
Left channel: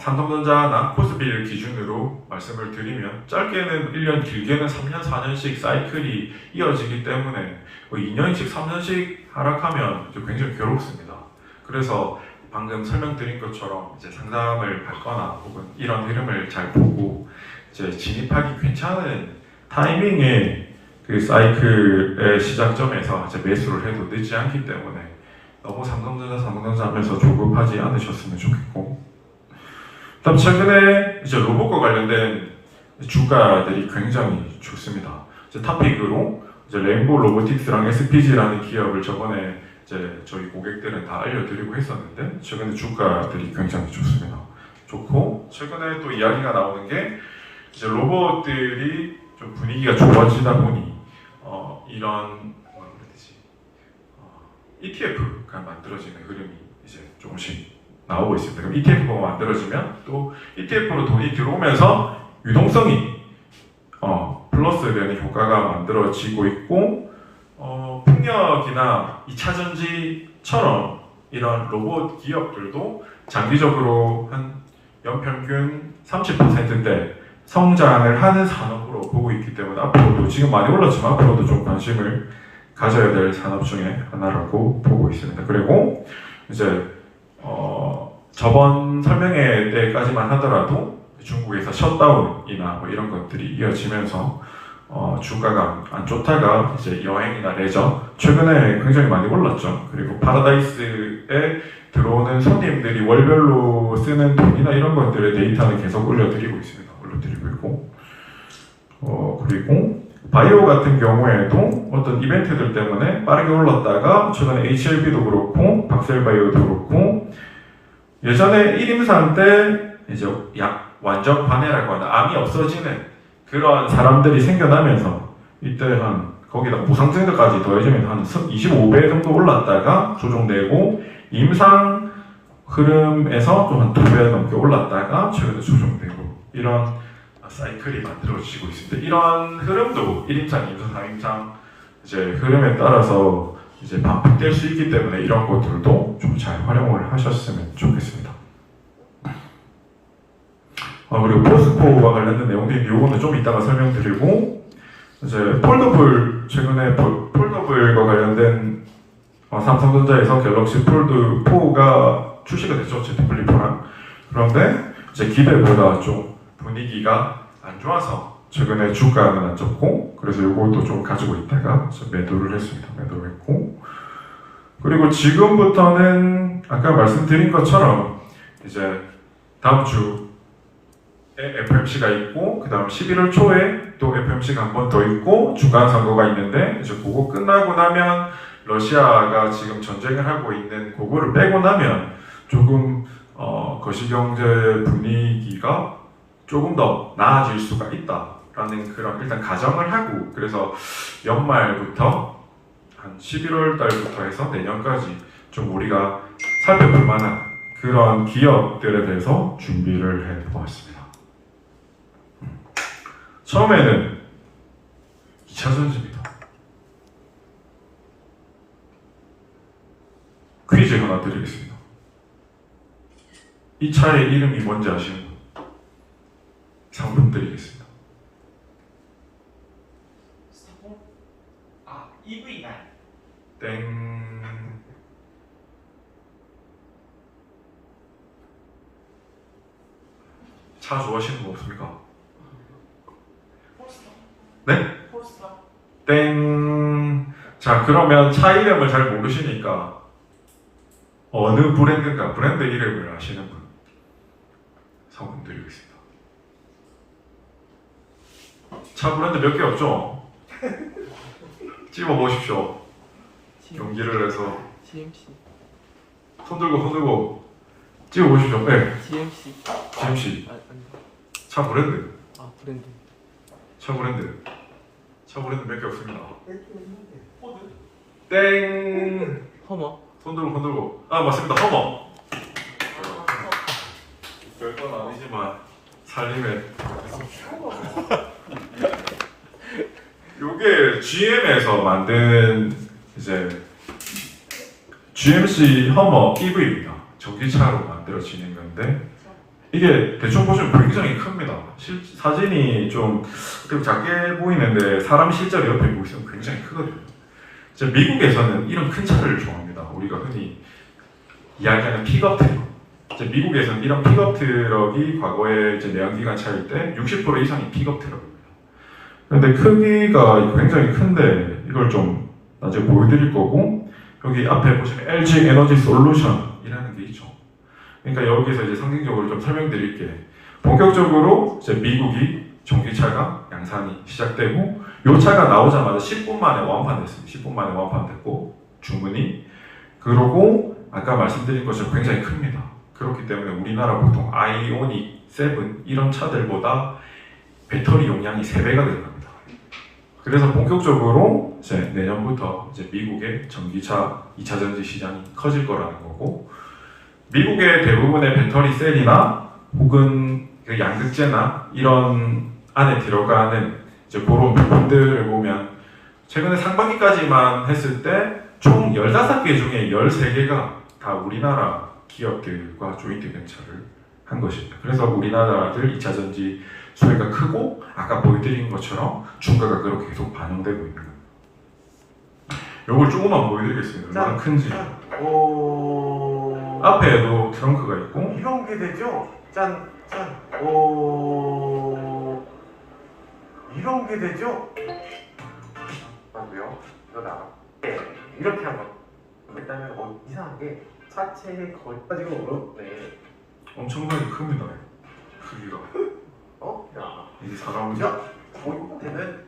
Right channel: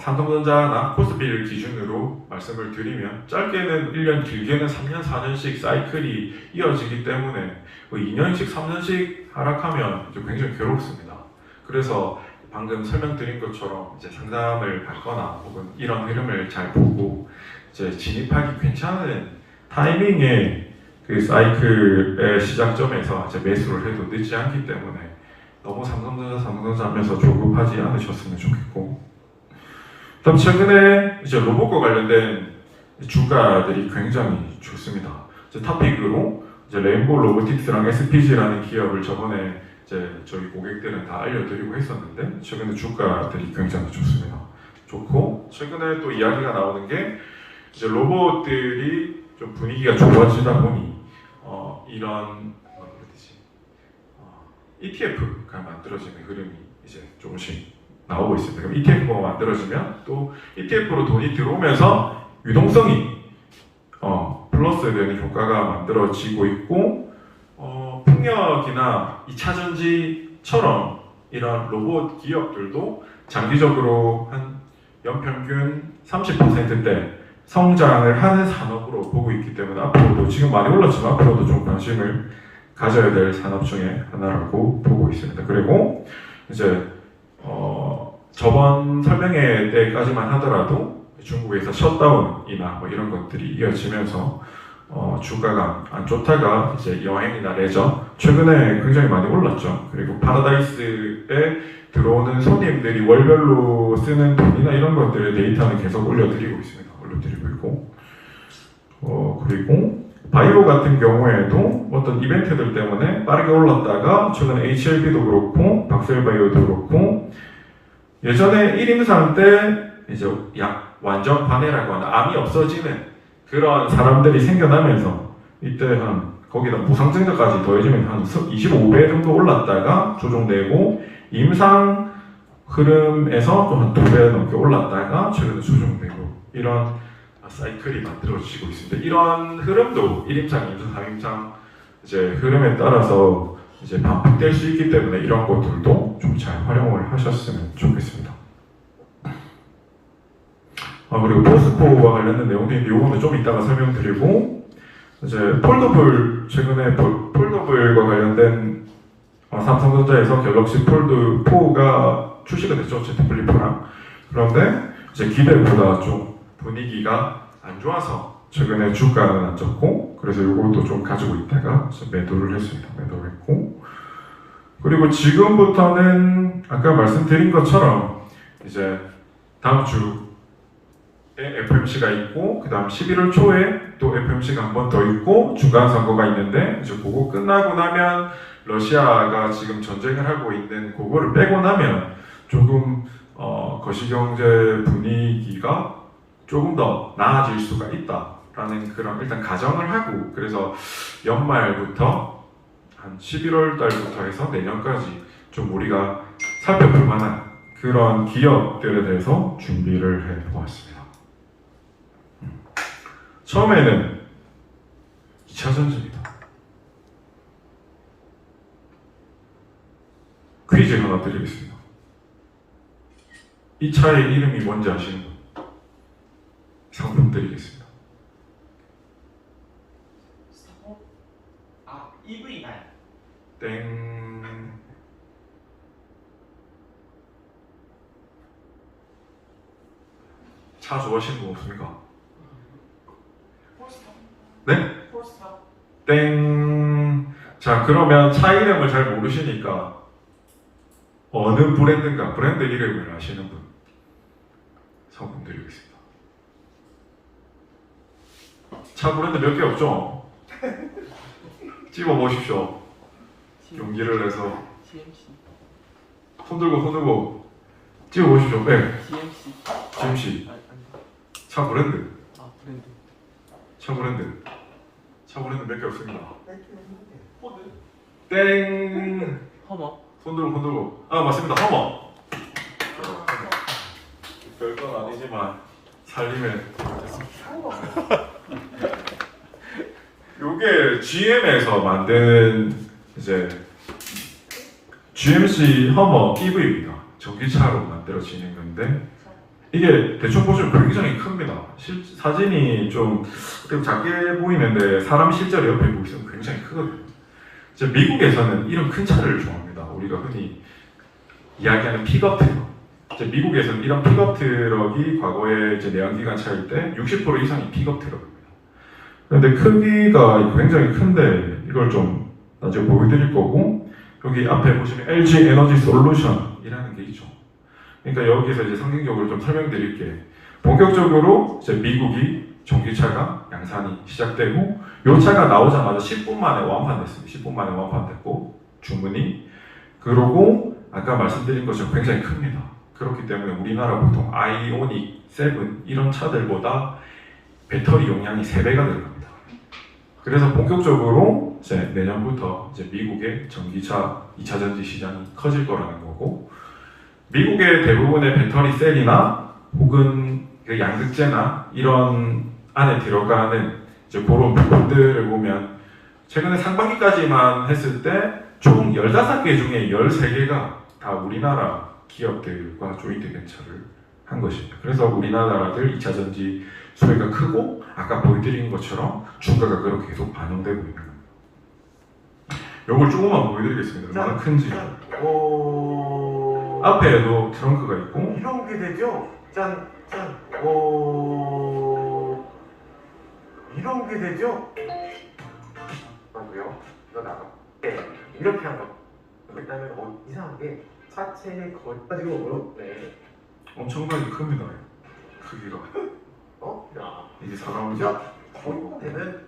삼성전자나 코스피를 기준으로 말씀을 드리면 짧게는 1년, 길게는 3년, 4년씩 사이클이 이어지기 때문에 2년씩, 3년씩 하락하면 굉장히 괴롭습니다. 그래서 방금 설명드린 것처럼 이제 상담을 받거나 혹은 이런 흐름을 잘 보고 이제 진입하기 괜찮은 타이밍에 그 사이클의 시작점에서 이제 매수를 해도 늦지 않기 때문에 너무 삼성전자 하면서 조급하지 않으셨으면 좋겠고, 그다음 최근에 이제 로봇과 관련된 주가들이 굉장히 좋습니다. 이제 탑픽으로 이제 레인보우 로보틱스랑 SPG라는 기업을 저번에 이제 저희 고객들은 다 알려드리고 했었는데 최근에 주가들이 굉장히 좋습니다. 좋고 최근에 또 이야기가 나오는 게 이제 로봇들이 좀 분위기가 좋아지다 보니 이런 뭐라 그래야 되지 ETF가 만들어지는 흐름이 이제 조금씩 나오고 있습니다. 그럼 ETF가 만들어지면 또 ETF로 돈이 들어오면서 유동성이 플러스되는 효과가 만들어지고 있고 풍력이나 2차전지처럼 이런 로봇 기업들도 장기적으로 한 연평균 30%대 성장을 하는 산업으로 보고 있기 때문에 앞으로도 지금 많이 올랐지만 앞으로도 좀 관심을 가져야 될 산업 중에 하나라고 보고 있습니다. 그리고 이제 저번 설명회 때까지만 하더라도 중국에서 셧다운이나 뭐 이런 것들이 이어지면서 주가가 안 좋다가 이제 여행이나 레저 최근에 굉장히 많이 올랐죠. 그리고 파라다이스에 들어오는 손님들이 월별로 쓰는 돈이나 이런 것들의 데이터는 계속 올려드리고 있습니다. 올려드리고 있고 그리고 바이오 같은 경우에도 어떤 이벤트들 때문에 빠르게 올랐다가 최근에 HLB도 그렇고 박셀바이오도 그렇고 예전에 1임상 때 이제 완전 관해라고 하는 암이 없어지는 그런 사람들이 생겨나면서 이때 한 거기다 무상증자까지 더해지면 한 25배 정도 올랐다가 조정되고 임상 흐름에서 또 한 2배 넘게 올랐다가 최근에 조정되고 이런 사이클이 만들어지고 있습니다. 이런 흐름도 1임상, 2임상, 3임상 이제 흐름에 따라서 이제 반복될 수 있기 때문에 이런 것들도 좀 잘 활용을 하셨으면 좋겠습니다. 그리고 포스코와 관련된 내용들인데 이거는 좀 이따가 설명드리고 이제 폴더블 최근에 폴더블과 관련된 삼성전자에서 갤럭시 폴드 4가 출시가 됐죠. Z 플립 4랑. 그런데 이제 기대보다 좀 분위기가 안 좋아서 최근에 주가는 안 좋고 그래서 이것도 좀 가지고 있다가 매도를 했습니다. 매도를 했고 그리고 지금부터는 아까 말씀드린 것처럼 이제 다음 주에 FOMC가 있고 그 다음 11월 초에 또 FOMC가 한 번 더 있고 중간 선거가 있는데 이제 그거 끝나고 나면 러시아가 지금 전쟁을 하고 있는 그거를 빼고 나면 조금 거시경제 분위기가 조금 더 나아질 수가 있다라는 그런 일단 가정을 하고 그래서 연말부터 한 11월 달부터 해서 내년까지 좀 우리가 살펴볼 만한 그런 기업들에 대해서 준비를 해보았습니다. 처음에는 2차전지입니다. 퀴즈 하나 드리겠습니다. 이 차의 이름이 뭔지 아시는 분? 상품 드리겠습니다. EV9. 땡. 차 좋아하시는 거 없습니까? 포스터. 네? 포스터. 땡. 자, 그러면 차 이름을 잘 모르시니까 어느 브랜드인가 브랜드 이름을 아시는 분 상품 드리겠습니다. 차 브랜드 몇 개 없죠? 찍어 보십시오. 용기를 내서 GMC. 손 들고 찍어 보십시오. 네. GMC. GMC. 아닙니다. 차 브랜드. 브랜드. 차 브랜드 몇 개 없습니다. 포드. 땡. 허머. 손 들고. 아, 맞습니다. 허머. 별건 아니지만 살림에 요게 GM에서 만든 이제 GMC 허머 EV입니다. 전기차로 만들어지는 건데 이게 대충 보시면 굉장히 큽니다. 사진이 좀 작게 보이는데 사람 실제로 옆에 보시면 굉장히 크거든요. 이제 미국에서는 이런 큰 차를 좋아합니다. 우리가 흔히 이야기하는 픽업 트럭. 이제 미국에서는 이런 픽업 트럭이 과거에 이제 내연기관 차일 때 60% 이상이 픽업 트럭입니다. 그런데 크기가 굉장히 큰데 이걸 좀 나중에 보여드릴 거고 여기 앞에 보시면 LG 에너지 솔루션이라는 게 있죠. 그러니까 여기서 이제 상징적으로 좀 설명드릴게. 본격적으로 이제 미국이 전기차가 양산이 시작되고 이 차가 나오자마자 10분 만에 완판됐습니다. 10분 만에 완판됐고 주문이 그리고 아까 말씀드린 것처럼 굉장히 큽니다. 그렇기 때문에 우리나라 보통 아이오닉 7 이런 차들보다 배터리 용량이 3배가 들어갑니다. 그래서 본격적으로 이제 내년부터 이제 미국의 전기차 2차 전지 시장이 커질 거라는 거고, 미국의 대부분의 배터리 셀이나 혹은 그 양극재나 이런 안에 들어가는 이제 그런 부품들을 보면 최근에 상반기까지만 했을 때 총 15개 중에 13개가 다 우리나라 기업들과 조인트 벤처를 한 것입니다. 그래서 우리나라들 2차 전지 수혜가 크고 아까 보여드린 것처럼 주가가 그렇게 계속 반영되고 있는 겁니다. 이걸 조금만 보여드리겠습니다. 얼마나 큰지. 앞에도 트렁크가 있고 이런 게 되죠? 짠. 이런 게 되죠? 맞고요. 이거 나와. 네, 이렇게 한 거. 그다음에 이상하게 차체 거기까지가 어렵네. 엄청나게 큽니다. 크기가. 야. 이게 사람이 야. 되는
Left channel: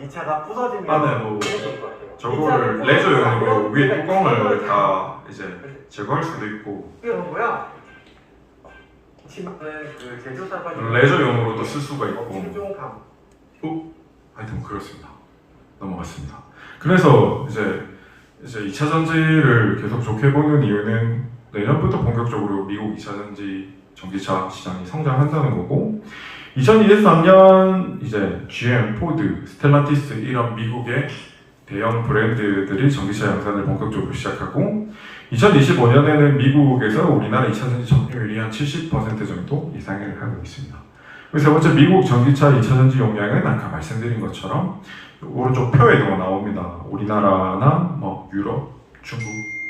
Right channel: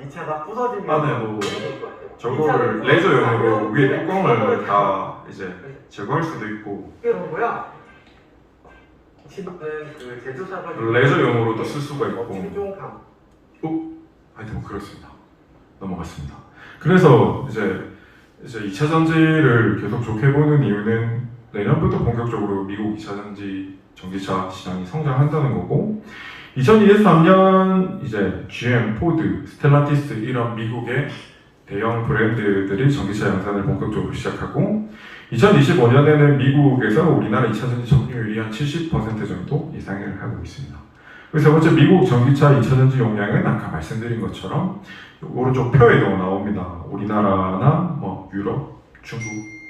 이 차가 부서지면 안에도 너무 좋을 것 같아요. 저거를 레저용으로 위에 뚜껑을 다 이제 제거할 수도 있고 이게 뭔 거야? 치마는 그 제조사가 레저용으로도 쓸 수가 있고 충종감. 하여튼 뭐 그렇습니다. 넘어갔습니다. 그래서 이제 2차 전지를 계속 좋게 보는 이유는 내년부터 본격적으로 미국 2차 전지 전기차 시장이 성장한다는 거고, 2023년 이제 GM, 포드, 스텔란티스 이런 미국의 대형 브랜드들이 전기차 양산을 본격적으로 시작하고, 2025년에는 미국에서 우리나라 2차 전지 점유율이 한 70% 정도 이상을 하고 있습니다. 그리고 세 번째, 미국 전기차 2차 전지 용량은 아까 말씀드린 것처럼 오른쪽 표에도 나옵니다. 우리나라나 뭐 유럽, 중국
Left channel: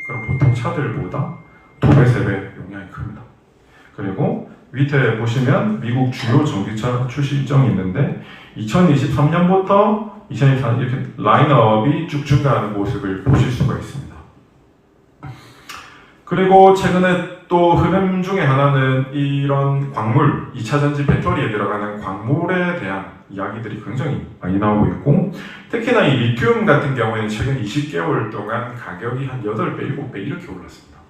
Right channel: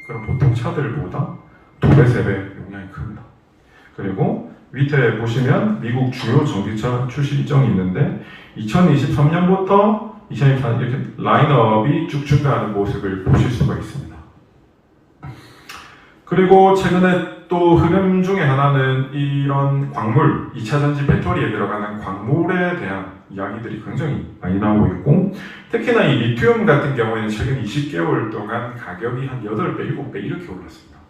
그런 보통 차들보다 2배, 3배 용량이 큽니다. 그리고 밑에 보시면 미국 주요 전기차 출시 일정이 있는데 2023년부터 2024년 이렇게 라인업이 쭉 증가하는 모습을 보실 수가 있습니다. 그리고 최근에 또 흐름 중에 하나는 이런 광물, 2차 전지 배터리에 들어가는 광물에 대한 이야기들이 굉장히 많이 나오고 있고, 특히나 이 리튬 같은 경우에는 최근 20개월 동안 가격이 한 8배, 7배 이렇게 올랐습니다.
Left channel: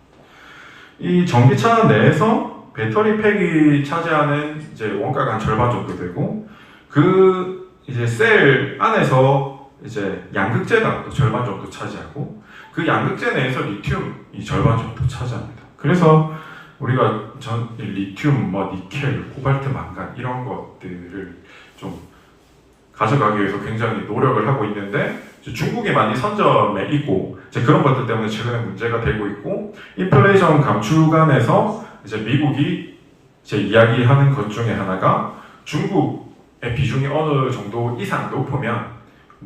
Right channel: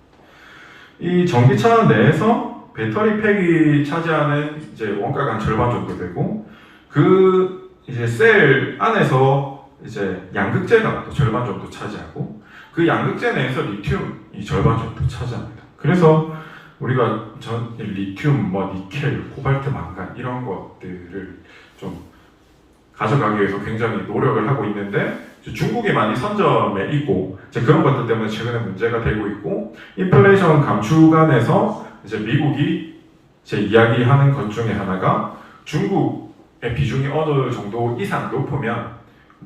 이 전기차 내에서 배터리 팩이 차지하는 이제 원가가 한 절반 정도 되고, 그 이제 셀 안에서 이제 양극재가 또 절반 정도 차지하고, 그 양극재 내에서 리튬이 절반 정도 차지합니다. 그래서 우리가 리튬, 뭐 니켈, 코발트, 망간 이런 것들을 좀 가져가기 위해서 굉장히 노력을 하고 있는데, 중국이 많이 선점에 있고 이제 그런 것들 때문에 최근에 문제가 되고 있고, 인플레이션 감축안에서 이제 미국이 이제 이야기하는 것 중에 하나가 중국의 비중이 어느 정도 이상 높으면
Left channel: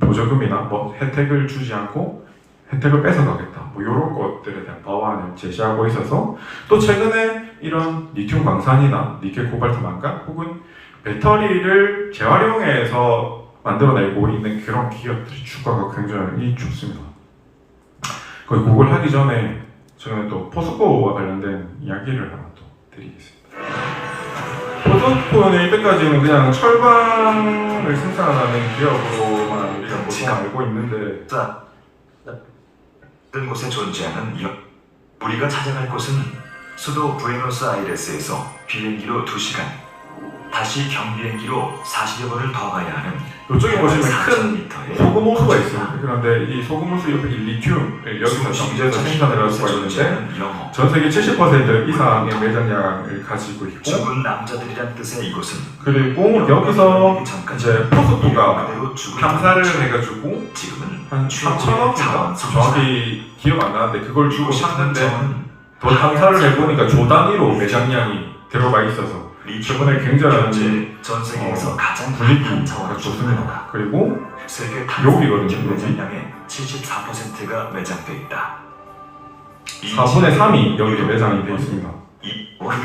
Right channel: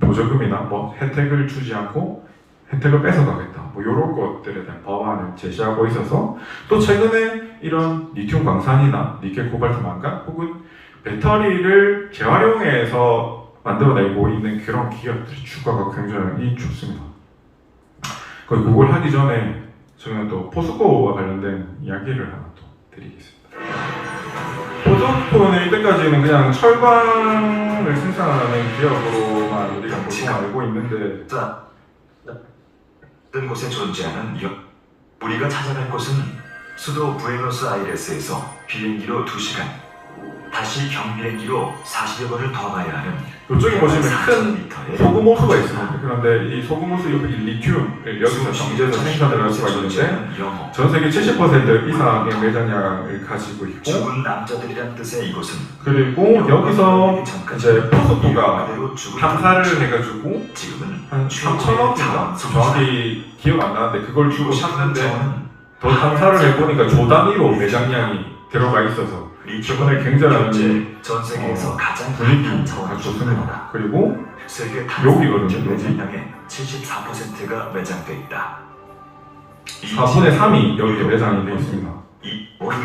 보조금이나 뭐 혜택을 주지 않고 혜택을 뺏어가겠다, 뭐 이런 것들에 대한 법안을 제시하고 있어서, 또 최근에 이런 리튬 광산이나 니켈, 코발트, 망간 혹은 배터리를 재활용해서 만들어내고 있는 그런 기업들 주가가 굉장히 좋습니다. 그걸 하기 전에 저는 또 포스코와 관련된 이야기를 하나 또 드리겠습니다. 포스코는 이때까지는 그냥 철강을 생산하는 기업으로만 우리가 보통 알고 있는데, 다른 곳에 존재하는 우리가 찾아갈 곳은 수도 부에노스아이레스에서 비행기로 2시간, 다시 경비행기로 40여 번을 더 가야 하는 이쪽에 보시면 큰 4,000m의 소금 호수가 있습니다. 그런데 이 소금 호수 옆에 이 리튬을 여기서 정제해서 생산을 할 수가 있는데, 전 세계 70% 이상의 매장량을 가지고 있고, 죽은 남자들이란 뜻의 이곳은 그리고 여기서 이제 포스코가 탐사를 해가지고 지금은 한 3,000억인가 정확히 기억 안 나는데 그걸 주고 샀는데, 더 탐사를 해보니까 조 단위로 매장량이 들어가 있어서 저번에 굉장히 전 세계에서 가장 분위기가 자원을 좋습니다. 그리고 세계 여기거든요, 여기. 매장량의 74%가 매장돼 있다. 4분의 3이 여기 매장이 되어 있습니다. 이 월이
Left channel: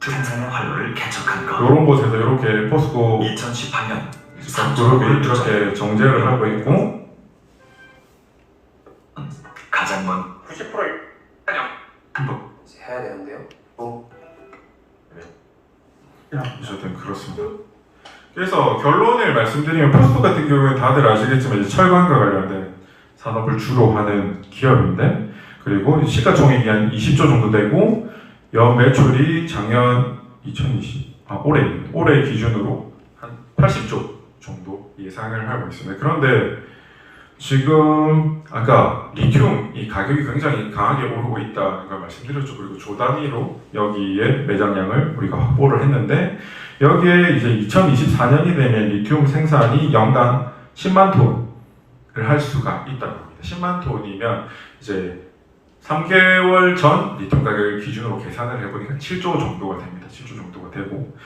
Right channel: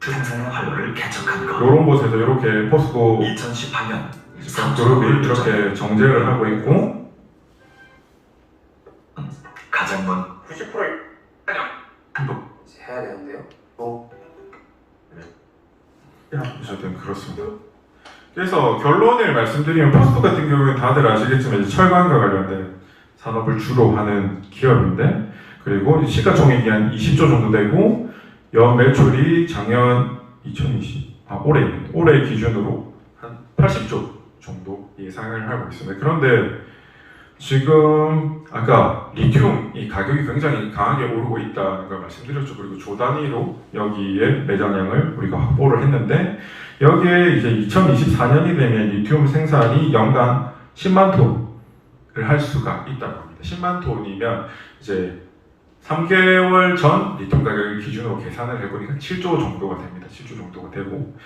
생산의 활로를 개척한 것. 이런 곳에서 이렇게 포스코 2018년 그룹이 이렇게 정제를 하고 있고, 가장 먼 90%를 해야 되는데요. 어쨌든 그렇습니다. 그래서 결론을 말씀드리면 포스코 같은 경우는 다들 아시겠지만 이제 철강과 관련된 산업을 주로 하는 기업인데, 그리고 시가총액이 한 20조 정도 되고 연 매출이 작년 올해 기준으로 한 80조 정도 예상을 하고 있습니다. 그런데 지금 아까 리튬 이 가격이 굉장히 강하게 오르고 있다는 걸 말씀드렸죠. 그리고 조 단위로 여기에 매장량을 우리가 확보를 했는데 여기에 이제 2024년이 되면 리튬 생산이 연간 10만 톤을 할 수가 있다고 합니다. 10만 톤이면 이제 3개월 전 리튬 가격을 기준으로 계산을 해보니까 7조 정도가 됩니다. 7조 정도가 되고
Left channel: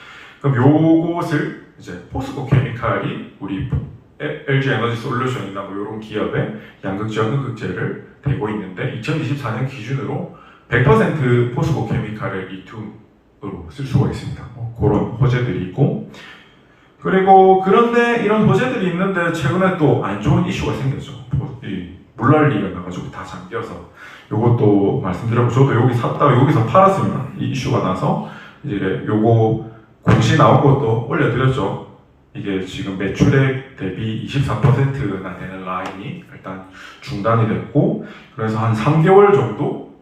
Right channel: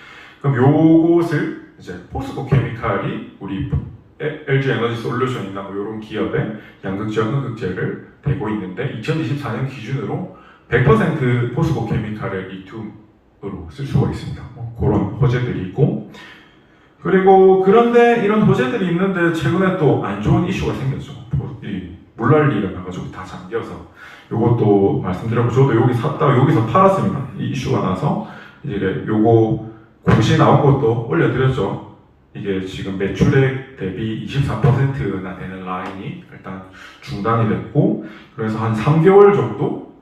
그럼 요것을 이제 포스코 케미칼이 우리 LG 에너지 솔루션이나 뭐 이런 기업에 양극재와 흑극재를 대고 있는데 2024년 기준으로 100% 포스코 케미칼의 리튬으로 쓸 수가 있습니다. 뭐 그런 호재들이 있고 그리고 그런데 이런 호재들이 있는데 최근에 또 안 좋은 이슈가 생겼죠. 이 물난리가 나가지고 다 잠겨서 요것도 말씀드렸고 저도 여기 샀다가 여기서 팔았습니다. 이 이슈가 나서 이제 요거 공시 나온 것도 올려드렸죠. 이게 지금 매출액 대비 23%나 되는 라인이 일단 중단이 됐고 그래서 한 3개월 정도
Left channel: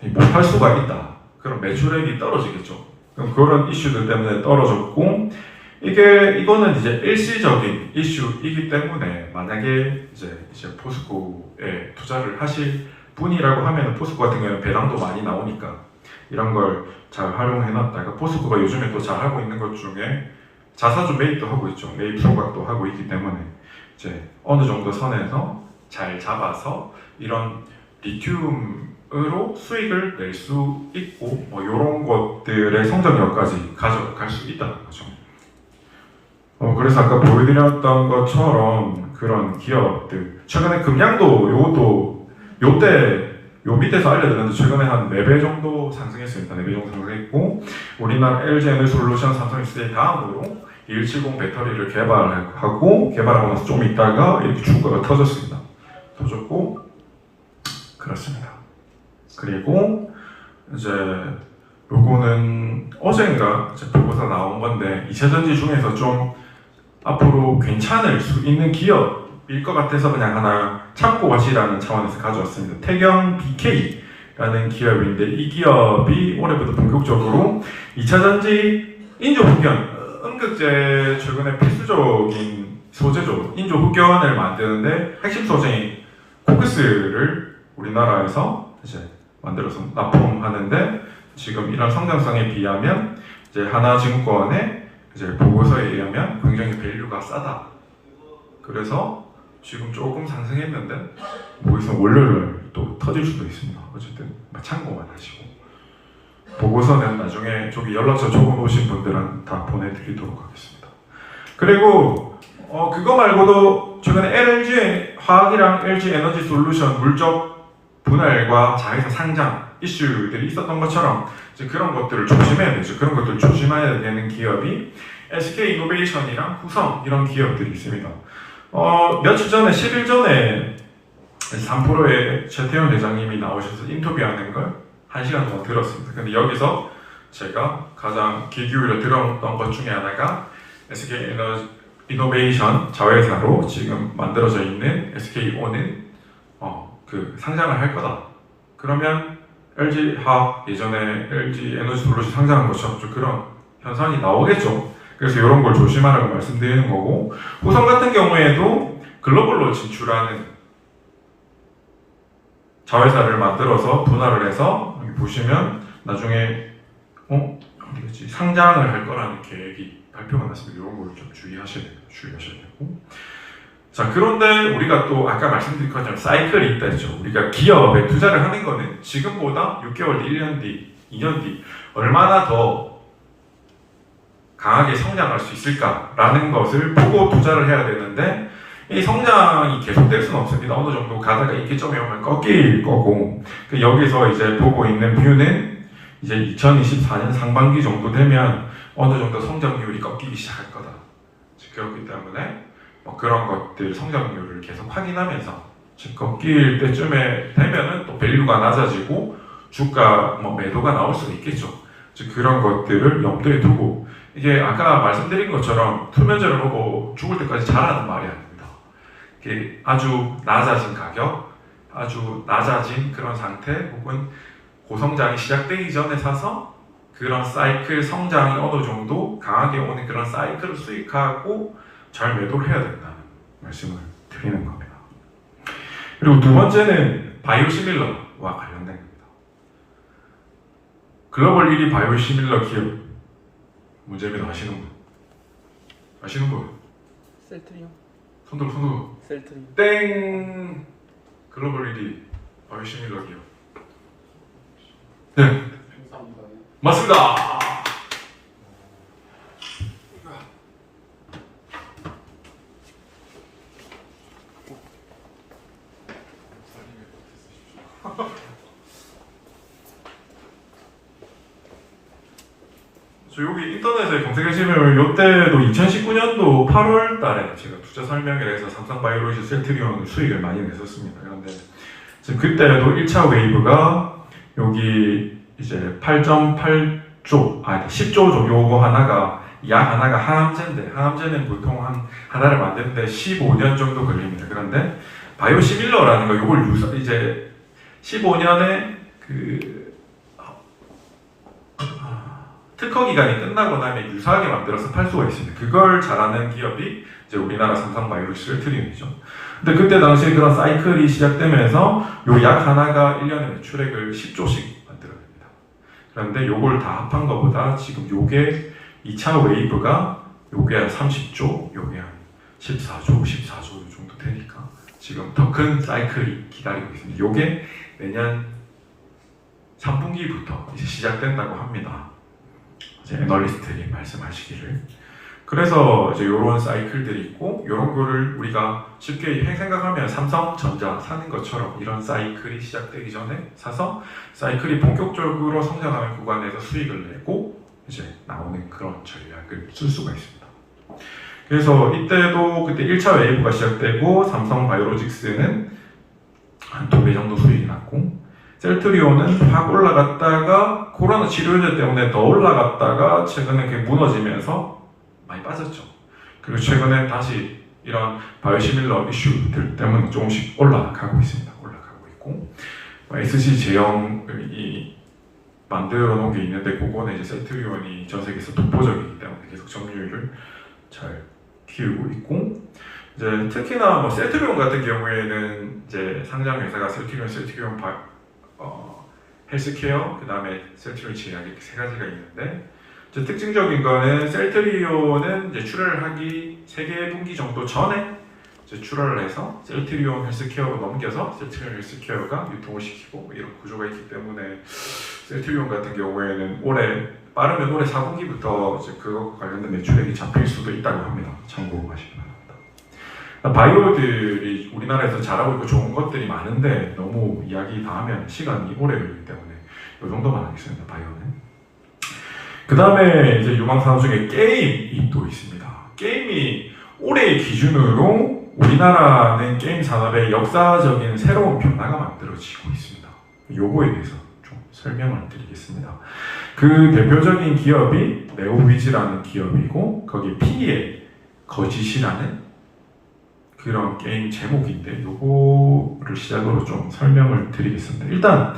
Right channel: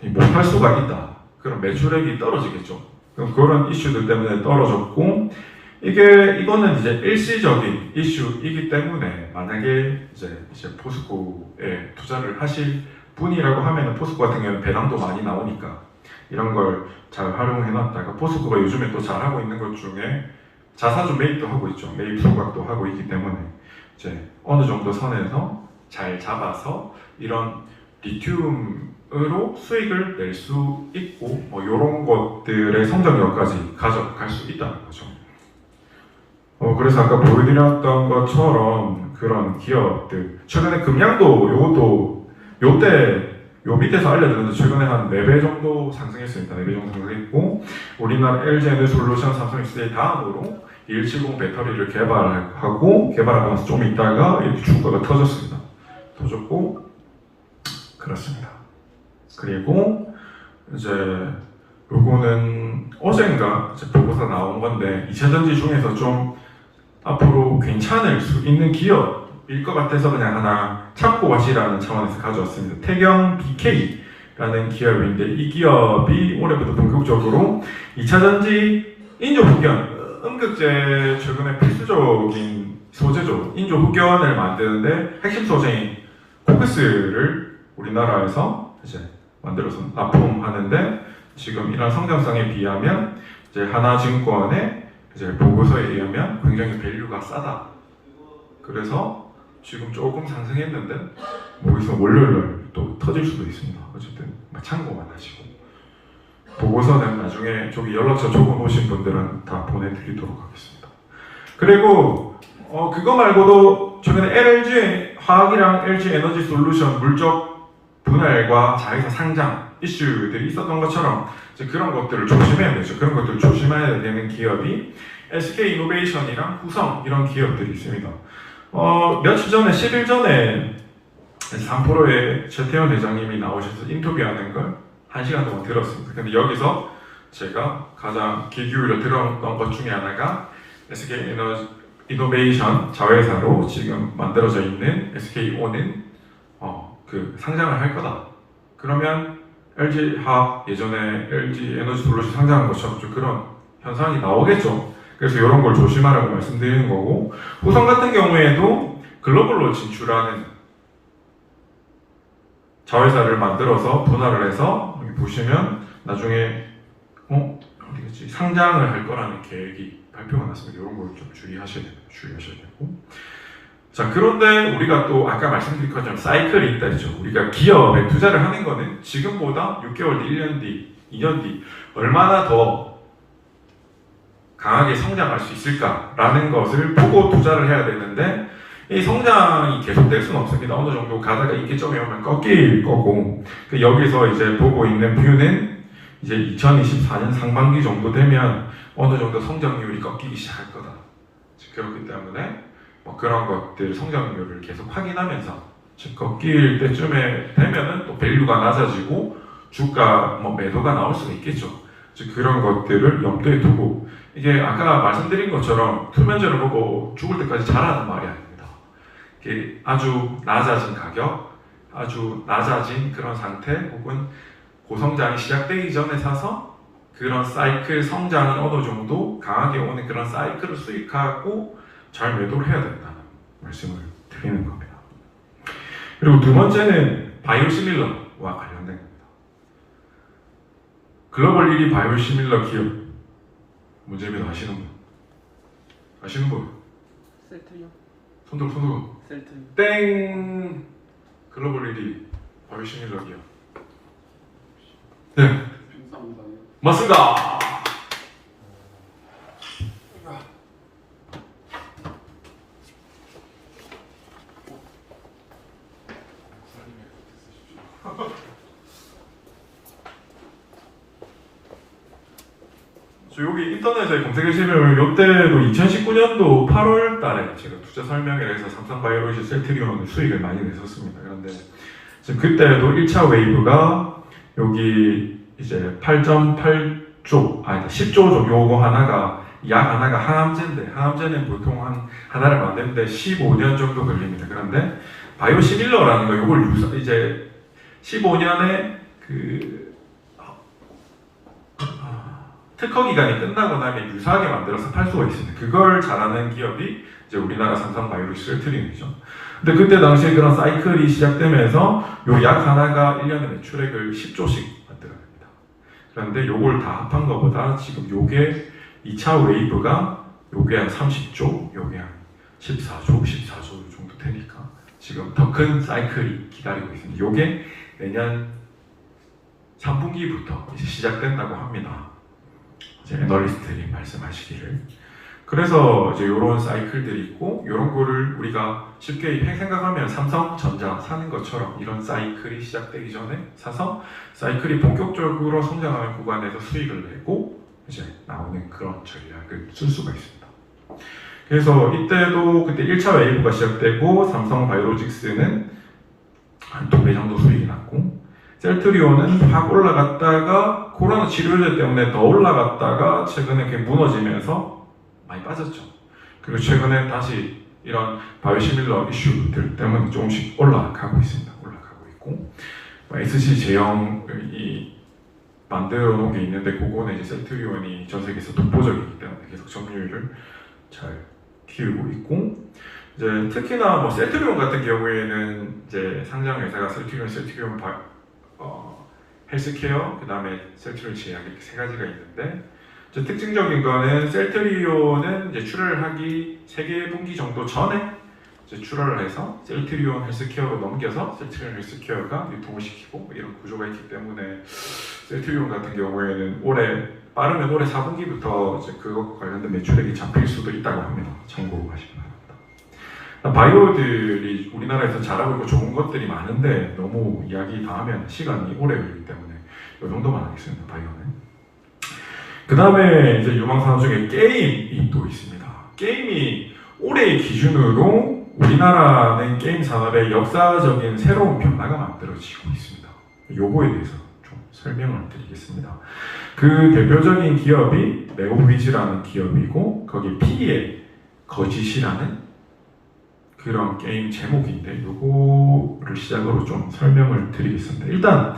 못할 수가 있다. 그럼 매출액이 떨어지겠죠. 그럼 그런 이슈들 때문에 떨어졌고 이거는 이제 일시적인 이슈이기 때문에 만약에 이제 포스코에 투자를 하실 분이라고 하면 포스코 같은 경우는 배당도 많이 나오니까 이런 걸 잘 활용해놨다가 포스코가 요즘에 또 잘 하고 있는 것 중에 자사주 매입도 하고 있죠. 매입 소각도 하고 있기 때문에 이제 어느 정도 선에서 잘 잡아서 이런 리튬으로 수익을 낼 수 있고 뭐 이런 것들의 성장력까지 가져갈 수 있다는 거죠. 그래서 아까 보여드렸던 것처럼 그런 기업들 최근에 금양도 요것도 요 밑에서 알려드렸는데 최근에 한 4배 정도 상승했습니다. 4배 정도 상승했고 우리나라 LG 에너지솔루션, 삼성엑스의 다음으로 2170 배터리를 개발하고 나서 좀 있다가 이렇게 주가가 터졌습니다. 터졌고 그렇습니다. 그리고 이제 요거는 어젠가 보고서 나온 건데 2차전지 중에서 좀 앞으로 괜찮을 수 있는 기업일 것 같아서 그냥 하나 참고 가시라는 차원에서 가져왔습니다. 태경 BK라는 기업인데 이 기업이 올해부터 본격적으로 2차전지 인조 흡연 음극재 최근에 필수적인 소재죠. 인조 흡연을 만드는데 핵심 소재인 코크스를 우리나라에서 이제 만들어서 납품하는데 지금 이런 성장성에 비하면 이제 하나증권의 이제 보고서에 의하면 굉장히 밸류가 싸다. 그래서 지금 조금 상승했는데 뭐 있으면 월요일 또 터질 수도 있습니다. 어쨌든 참고만 하시고 보고서는 나중에 좀 연락처 적어놓으신 분들은 다 보내드리도록 하겠습니다. 그리고 그거 말고도 최근에 LG 화학이랑 LG 에너지 솔루션 물적 분할과 자회사 상장 이슈들이 있었던 것처럼 이제 그런 것들을 조심해야 되죠. 그런 것들을 조심해야 되는 기업이 SK 이노베이션이랑 후성 이런 기업들이 있습니다. 며칠 전에 10일 전에 3프로의 최태원 회장님이 나오셔서 인터뷰하는 걸 1시간 동안 들었습니다. 근데 여기서 제가 가장 귀 기울여 들었던 것 중에 하나가 SK 이노베이션 자회사로 지금 만들어져 있는 SKO는 그 상장을 할 거다. 그러면 LG 화학 예전에 LG 에너지 솔루션 상장한 것처럼 좀 그런 현상이 나오겠죠. 그래서 이런 걸 조심하라고 말씀드리는 거고 후성 같은 경우에도 글로벌로 진출하는 자회사를 만들어서 분할을 해서 여기 보시면 나중에 어디겠지 상장을 할 거라는 계획이 발표가 났습니다. 이런 걸 좀 주의하셔야 되고 자 그런데 우리가 또 아까 말씀드린 것처럼 사이클이 있다죠. 우리가 기업에 투자를 하는 거는 지금보다 6개월 뒤, 1년 뒤, 2년 뒤 얼마나 더 강하게 성장할 수 있을까라는 것을 보고 투자를 해야 되는데 이 성장이 계속될 수는 없습니다. 어느 정도 가다가 인기점이 오면 꺾일 거고 여기서 이제 보고 있는 뷰는 이제 2024년 상반기 정도 되면 어느 정도 성장률이 꺾이기 시작할 거다. 그렇기 때문에 그런 것들 성장률을 계속 확인하면서 즉 꺾일 때쯤에 되면은 또 밸류가 낮아지고 주가 매도가 나올 수가 있겠죠. 즉 그런 것들을 염두에 두고 이게 아까 말씀드린 것처럼 투면제를 먹고 죽을 때까지 잘하는 말이 아닙니다. 이게 아주 낮아진 가격, 아주 낮아진 그런 상태 혹은 고성장이 시작되기 전에 사서 그런 사이클 성장이 어느 정도 강하게 오는 그런 사이클을 수익하고 잘 매도를 해야 된다는 말씀을 드리는 겁니다. 그리고 두 번째는 바이오시밀러와 관련된 겁니다. 글로벌 1위 바이오시밀러 기업 문제입니다. 아시는 분? 아시는 분? 셀트리온. 손들어. 셀트리온. 땡! 글로벌 1위 바이오시밀러 기업. 네, 맞습니다. 저 여기 인터넷에 검색하시면 이때도 2019년도 8월 달에 제가 투자 설명회를 해서 삼성바이오로직 셀트리온 수익을 많이 냈었습니다. 그런데 지금 그때도 1차 웨이브가 여기 이제 8.8조, 10조죠. 요거 하나가 약 하나가 항암제인데 항암제는 보통 하나를 만드는데 15년 정도 걸립니다. 그런데 바이오시밀러라는 거 요걸 이제 15년에 특허 기간이 끝나고 나면 유사하게 만들어서 팔 수가 있습니다. 그걸 잘하는 기업이 이제 우리나라 삼성바이오로직 셀트리온이죠. 근데 그때 당시에 그런 사이클이 시작되면서 요 약 하나가 1년에 매출액을 10조씩 만들어냅니다. 그런데 요걸 다 합한 것보다 지금 요게 2차 웨이브가 요게 한 30조, 요게 한 14조 정도 되니까 지금 더 큰 사이클이 기다리고 있습니다. 요게 내년 3분기부터 이제 시작된다고 합니다. 이제 애널리스트들이 말씀하시기를. 그래서 이제 이런 사이클들이 있고 이런 거를 우리가 쉽게 생각하면 삼성전자 사는 것처럼 이런 사이클이 시작되기 전에 사서 사이클이 본격적으로 성장하는 구간에서 수익을 내고 이제 나오는 그런 전략을 쓸 수가 있습니다. 그래서 이때도 그때 1차 웨이브가 시작되고 삼성바이오로직스는 한 2배 정도 수익이 났고 셀트리온은 확 올라갔다가 코로나 치료제 때문에 더 올라갔다가 최근에 그게 무너지면서 많이 빠졌죠. 그리고 최근에 다시 이런 바이오시밀러 이슈들 때문에 조금씩 올라가고 있습니다. 올라가고 있고 SC 제형이 만들어 놓은 게 있는데 그거는 이제 셀트리온이 전 세계에서 독보적이기 때문에 계속 점유율을 잘 키우고 있고 이제 특히나 뭐 셀트리온 같은 경우에는 이제 상장 회사가 셀트리온 헬스케어, 그 다음에 셀트리온 제약 이렇게 세 가지가 있는데 특징적인 거는 셀트리온은 이제 출하를 하기 3개 분기 정도 전에 이제 출하를 해서 셀트리온 헬스케어로 넘겨서 셀트리온 헬스케어가 유통을 시키고 이런 구조가 있기 때문에 셀트리온 같은 경우에는 빠르면 올해 4분기부터 이제 그거 관련된 매출액이 잡힐 수도 있다고 합니다. 참고하시기 바랍니다. 바이오들이 우리나라에서 잘하고 있고 좋은 것들이 많은데 너무 이야기 다 하면 시간이 오래 걸리기 때문에 이 정도만 하겠습니다. 바이오는. 그 다음에 이제 유망산업 중에 게임이 또 있습니다. 게임이 올해의 기준으로 우리나라는 게임 산업의 역사적인 새로운 변화가 만들어지고 있습니다. 요거에 대해서 좀 설명을 드리겠습니다. 그 대표적인 기업이 네오위즈라는 기업이고 거기 P의 거짓이라는 그런 게임 제목인데 요거를 시작으로 좀 설명을 드리겠습니다. 일단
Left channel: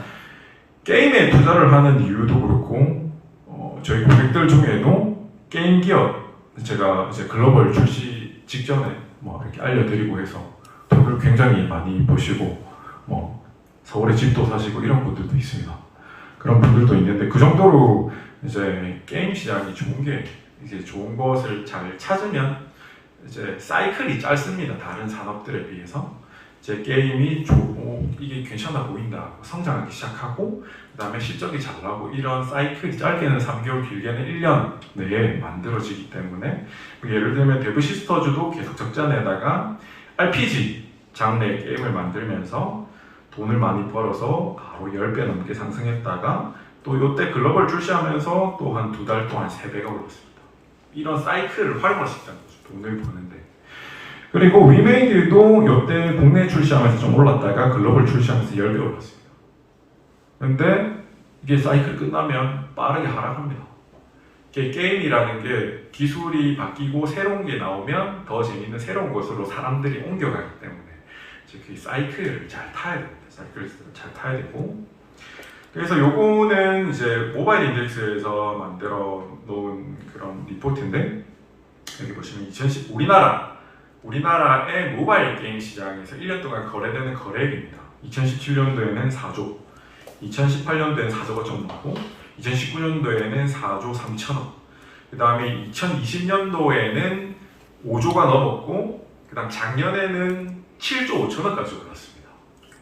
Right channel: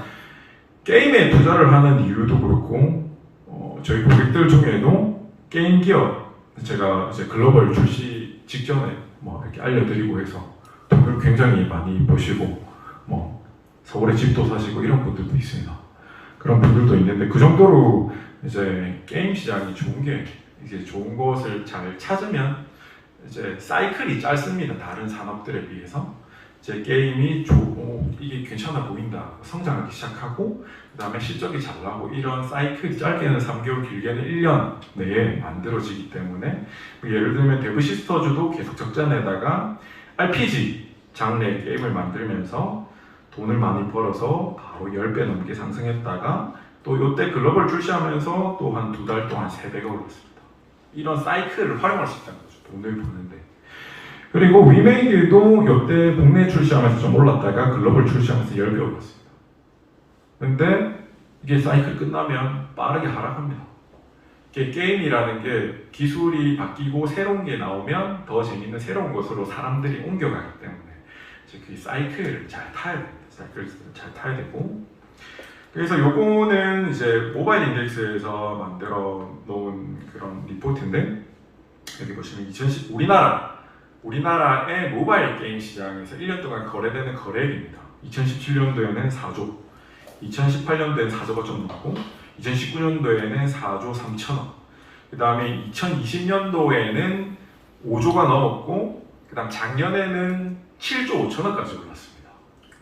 게임에 투자를 하는 이유도 그렇고 저희 고객들 중에도 게임 기업 제가 이제 글로벌 출시 직전에 뭐 이렇게 알려드리고 해서 돈을 굉장히 많이 버시고 뭐 서울에 집도 사시고 이런 분들도 있습니다. 그런 분들도 있는데 그 정도로 이제 게임 시장이 좋은 게 이제 좋은 것을 잘 찾으면 이제 사이클이 짧습니다. 다른 산업들에 비해서 이제 게임이 이게 괜찮아 보인다 성장하기 시작하고 그 다음에 실적이 잘 나고 이런 사이클이 짧게는 3개월 길게는 1년 내에 만들어지기 때문에 예를 들면 데브 시스터즈도 계속 적자 내다가 RPG 장르의 게임을 만들면서 돈을 많이 벌어서 바로 10배 넘게 상승했다가 또 이때 글로벌 출시하면서 또 한 2달 동안 3배가 올랐습니다. 이런 사이클을 활용할 수 있다는 거죠. 돈을 버는데. 그리고 위메이드도 이때 국내 출시하면서 좀 올랐다가 글로벌 출시하면서 10배 올랐습니다. 근데 이게 사이클 끝나면 빠르게 하락합니다. 이게 게임이라는 게 기술이 바뀌고 새로운 게 나오면 더 재밌는 새로운 것으로 사람들이 옮겨가기 때문에 이제 그 사이클을 잘 타야 됩니다. 사이클을 잘 타야 되고. 그래서 요거는 이제 모바일 인덱스에서 만들어 놓은 그런 리포트인데, 여기 보시면 우리나라의 모바일 게임 시장에서 1년 동안 거래되는 거래액입니다. 2017년도에는 4조, 2018년도에는 4조 좀 나고, 2019년도에는 4조 3천억, 그 다음에 2020년도에는 5조가 넘었고, 그 다음 작년에는 7조 5천억까지 올랐습니다.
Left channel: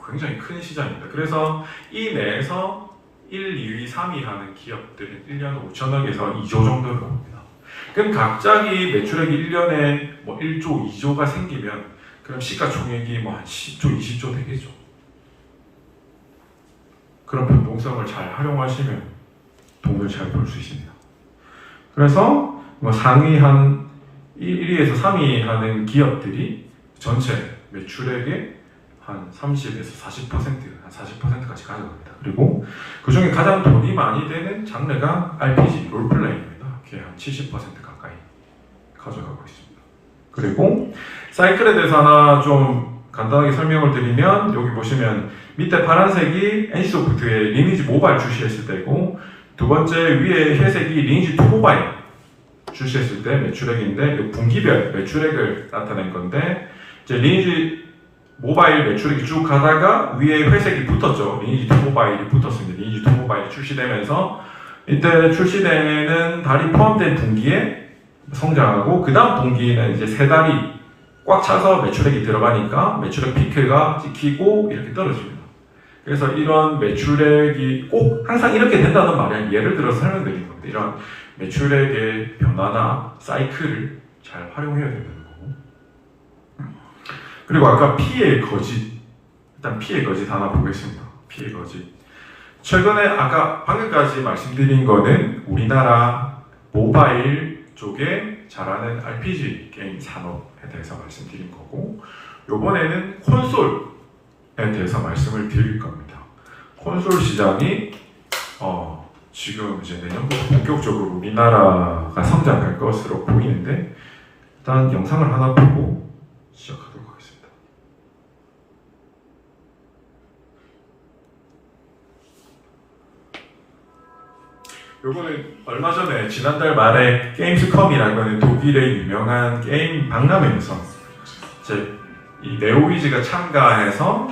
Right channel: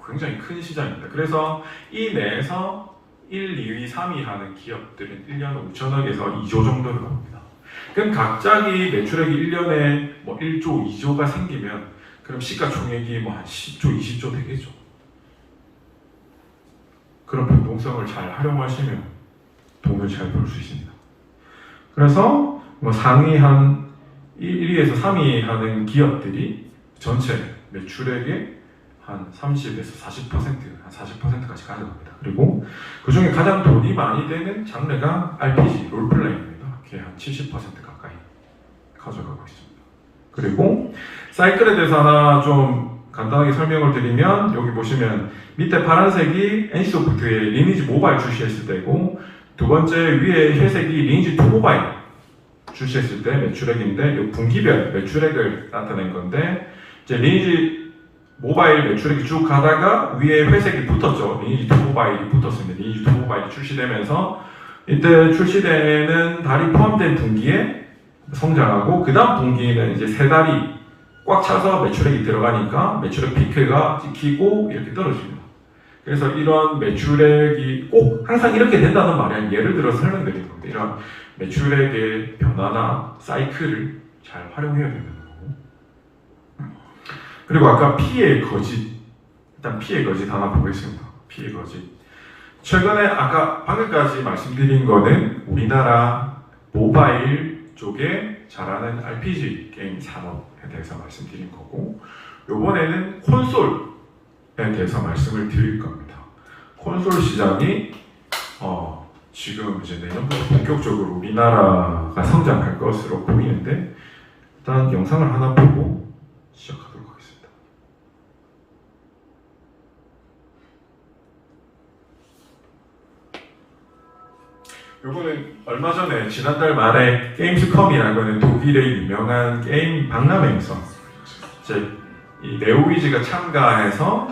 굉장히 큰 시장입니다. 그래서 이 내에서 1, 2위, 3위 하는 기업들은 1년에 5천억에서 2조 정도를 나옵니다. 그럼 갑자기 매출액이 1년에 뭐 1조, 2조가 생기면 그럼 시가총액이 뭐 한 10조, 20조 되겠죠. 그런 변동성을 잘 활용하시면 돈을 잘 벌 수 있습니다. 그래서 뭐 상위 한 1위에서 3위 하는 기업들이 전체 매출액의 한 30에서 40%, 한 40%까지 가져갑니다. 그리고 그 중에 가장 돈이 많이 되는 장르가 RPG, 롤플레이입니다. 그게 한 70% 가까이 가져가고 있습니다. 그리고 사이클에 대해서 하나 좀 간단하게 설명을 드리면, 여기 보시면 밑에 파란색이 NC소프트의 리니지 모바일 출시했을 때고, 두 번째 위에 회색이 리니지 2 모바일 출시했을 때 매출액인데, 분기별 매출액을 나타낸 건데, 이제 리니지 모바일 매출액이 쭉 가다가 위에 회색이 붙었죠. 리니지 2 모바일이 붙었습니다. 리니지 2 모바일이 출시되면서 이때 출시되는 달이 포함된 분기에 성장하고, 그 다음 분기에는 이제 세 달이 꽉 차서 매출액이 들어가니까 매출액 피크가 찍히고 이렇게 떨어집니다. 그래서 이런 매출액이 꼭 항상 이렇게 된다는 말이 아니라, 예를 들어 설명드리는 건데, 이런 매출액의 변화나 사이클을 잘 활용해야 된다는 거고. 그리고 아까 피해 거짓, 일단 피해 거짓 하나 보겠습니다. 피해 거짓. 최근에 아까 방금까지 말씀드린 거는 우리나라 모바일 쪽에 잘하는 RPG 게임 산업에 대해서 말씀드린 거고, 요번에는 콘솔에 대해서 말씀을 드릴 겁니다. 콘솔 시장이 지금 이제 내년부터 본격적으로 우리나라가 성장할 것으로 보이는데, 일단 영상을 하나 보고 시작하도록 하겠습니다. 요거는 얼마 전에 지난달 말에 게임스컴이라고 하는 독일의 유명한 게임 박람회에서 이제 이 네오위즈가 참가해서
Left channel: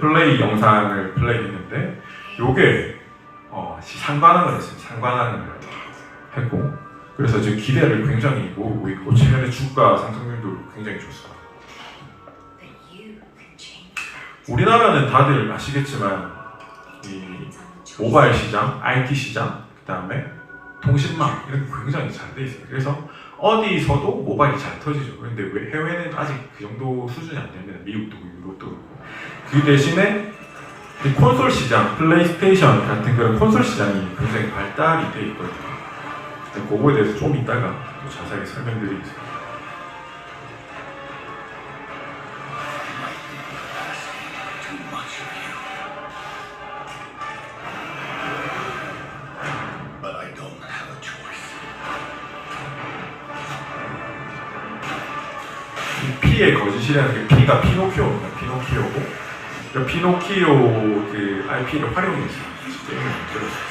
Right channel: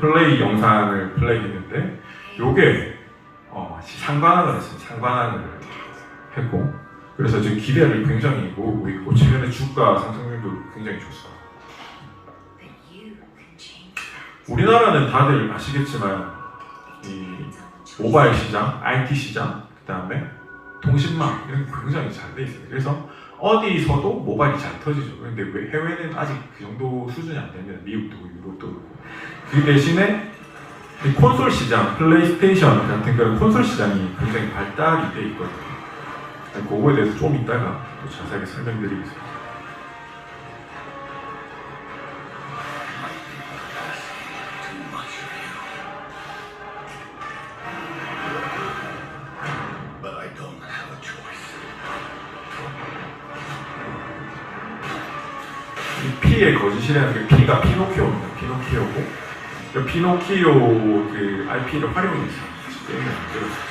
플레이 영상을 플레이했는데, 요게 상관왕을 했습니다. 상관왕을 했고, 그래서 지금 기대를 굉장히 모으고 있고, 최근에 주가 상승률도 굉장히 좋습니다. 우리나라는 다들 아시겠지만 이 모바일 시장, IT 시장, 그 다음에 통신망 이런 게 굉장히 잘 돼 있어요. 그래서 어디서도 모바일이 잘 터지죠. 그런데 왜 해외는 아직 그 정도 수준이 안 됩니다. 미국도 유럽도 그렇고. 그 대신에 이 콘솔 시장, 플레이스테이션 같은 그런 콘솔 시장이 굉장히 발달이 돼 있거든요. 그거에 대해서 좀 이따가 또 자세하게 설명드리겠습니다. 이 피의 거짓이라는 게, 피가 피노키오입니다. 피노키오고, 그 피노키오 그 IP를 활용해서 게임을 만들었어요.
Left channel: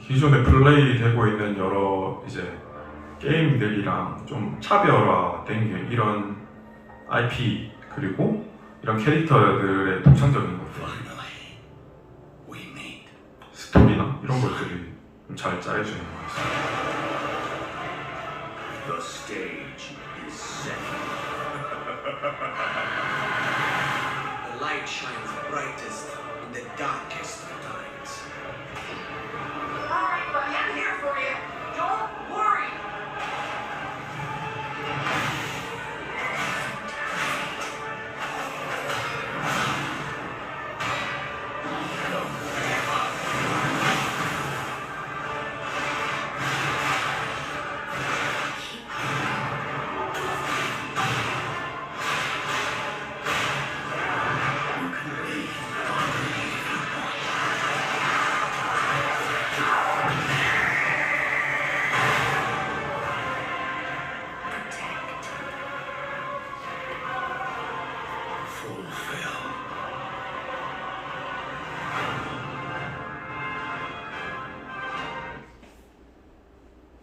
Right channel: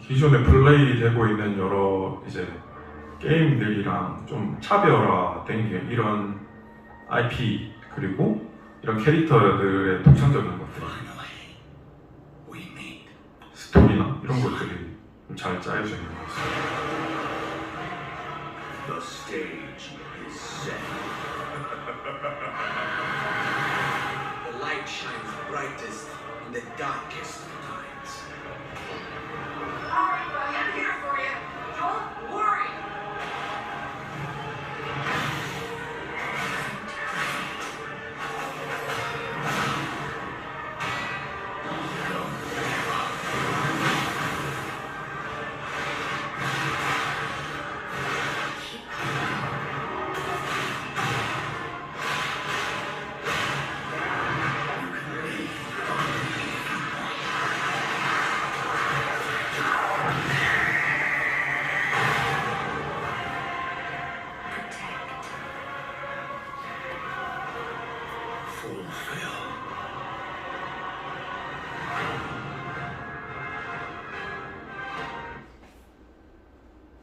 기존에 플레이되고 있는 여러 이제 게임들이랑 좀 차별화된 게 이런 IP 그리고 이런 캐릭터들의 독창적인 것들, 스토리나 이런 것들이 좀 잘 짜여져 있는 것 같습니다. The stage is set. The light shines brightest in the darkest of times. All right, buddy, I'm here for you. Don't worry.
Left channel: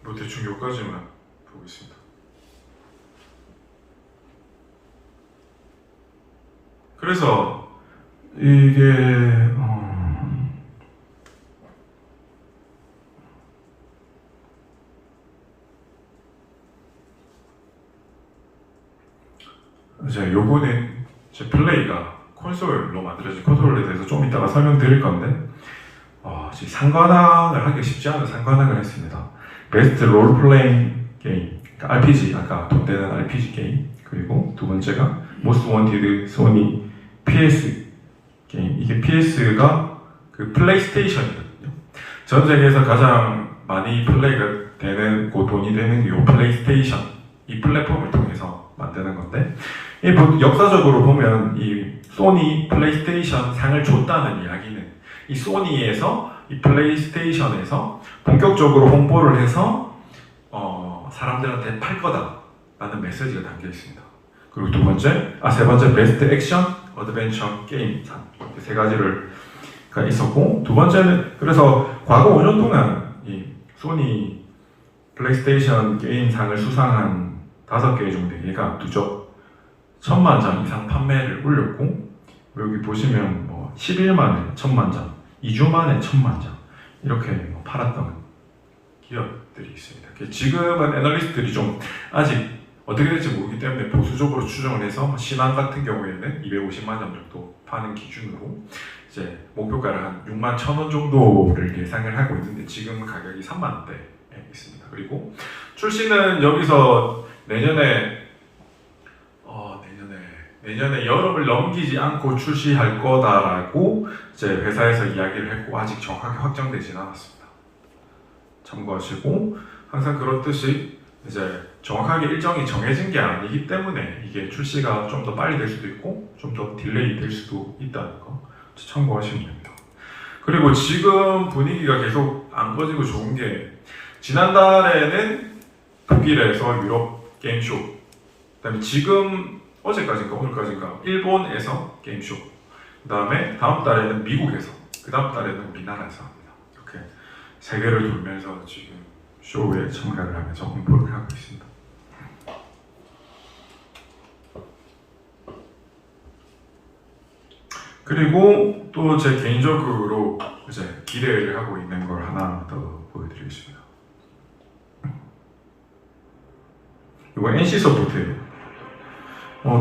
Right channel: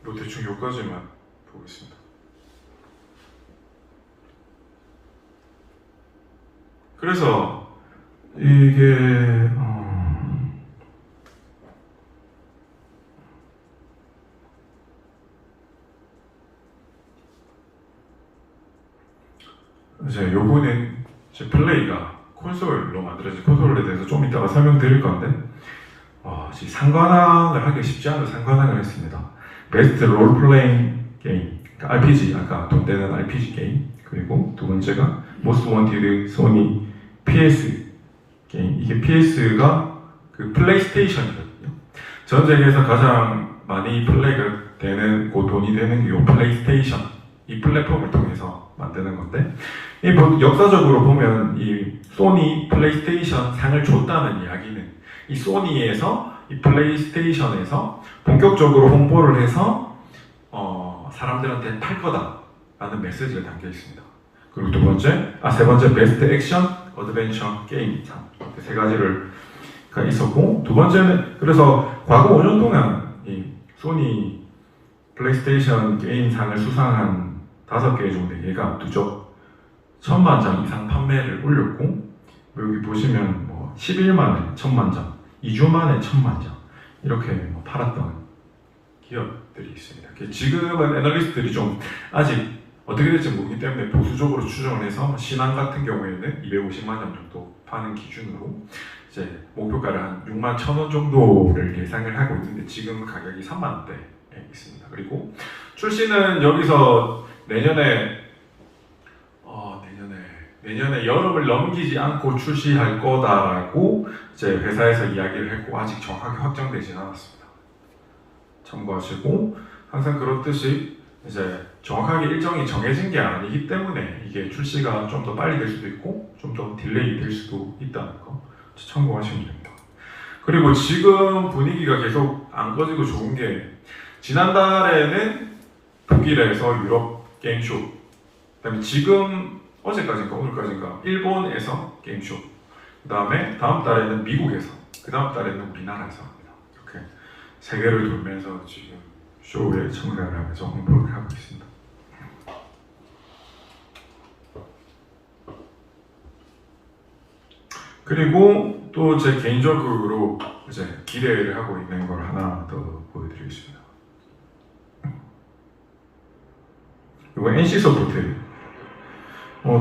뭐 대충 여기까지만 보겠습니다. 그래서 이게 이제 요거는 이제 플레이가 콘솔로 만들어진 콘솔에 대해서 좀 이따가 설명드릴 건데 지금 상관왕을 하기 쉽지 않은 상관왕을 했습니다. 베스트 롤 플레잉 게임, 그러니까 RPG, 아까 돈 되는 RPG 게임, 그리고 두 번째가 모스트 원티드 소니 PS 게임. 이게 PS가 그 플레이스테이션이거든요. 전 세계에서 가장 많이 플레이가 되는 돈이 되는 이 플레이스테이션, 이 플랫폼을 통해서 만드는 건데, 이 역사적으로 보면 이 소니 플레이스테이션 상을 줬다는 이야기는 이 소니에서 이 플레이스테이션에서 본격적으로 홍보를 해서 사람들한테 팔 거다라는 메시지가 담겨 있습니다. 그리고 세 번째 베스트 액션 어드벤처 게임 상, 세 가지가 있었고, 두 번째는 그래서 과거 5년 동안 이 소니 플레이스테이션 게임상을 수상한 5개 정도 얘가 누적 1000만 장 이상 판매를 올렸고, 여기 보시면 10일 만에 1000만 장, 2주 만에 1000만 장 이렇게 팔았던 기업들이 있습니다. 지금은 애널리스트들이 좀 아직 어떻게 될지 모르기 때문에 보수적으로 추정을 해서 신한 같은 경우에는 250만 장 정도 파는 기준으로 이제 목표가를 한 6만 1,000원 정도를 예상을 하고 있는데 지금 가격이 3만 원대에 있습니다. 그리고 출시는 여기서 내년에 여름을 넘기지 않고 출시할 거다라고 이제 회사에서 이야기를 했고 아직 정확하게 확정되지는 않았습니다. 참고하시고, 항상 그렇듯이 이제 정확하게 일정이 정해진 게 아니기 때문에 이게 출시가 좀 더 빨리 될 수도 있고 좀 더 딜레이 될 수도 있다는 거 참고하시면 됩니다. 그리고 지금 분위기가 계속 안 꺼지고 좋은 게, 지난달에는 독일에서 유럽 게임쇼, 그다음에 지금 어제까지인가 오늘까지인가 일본에서 게임쇼, 그다음에 다음 달에는 미국에서, 그 다음 달에는 우리나라에서 합니다. 이렇게 세계를 돌면서 지금 쇼에 참가를 하면서 홍보를 하고 있습니다. 그리고 또 제 개인적으로 이제 기대를 하고 있는 걸 하나 더 보여드리겠습니다. 이거 NC소프트예요.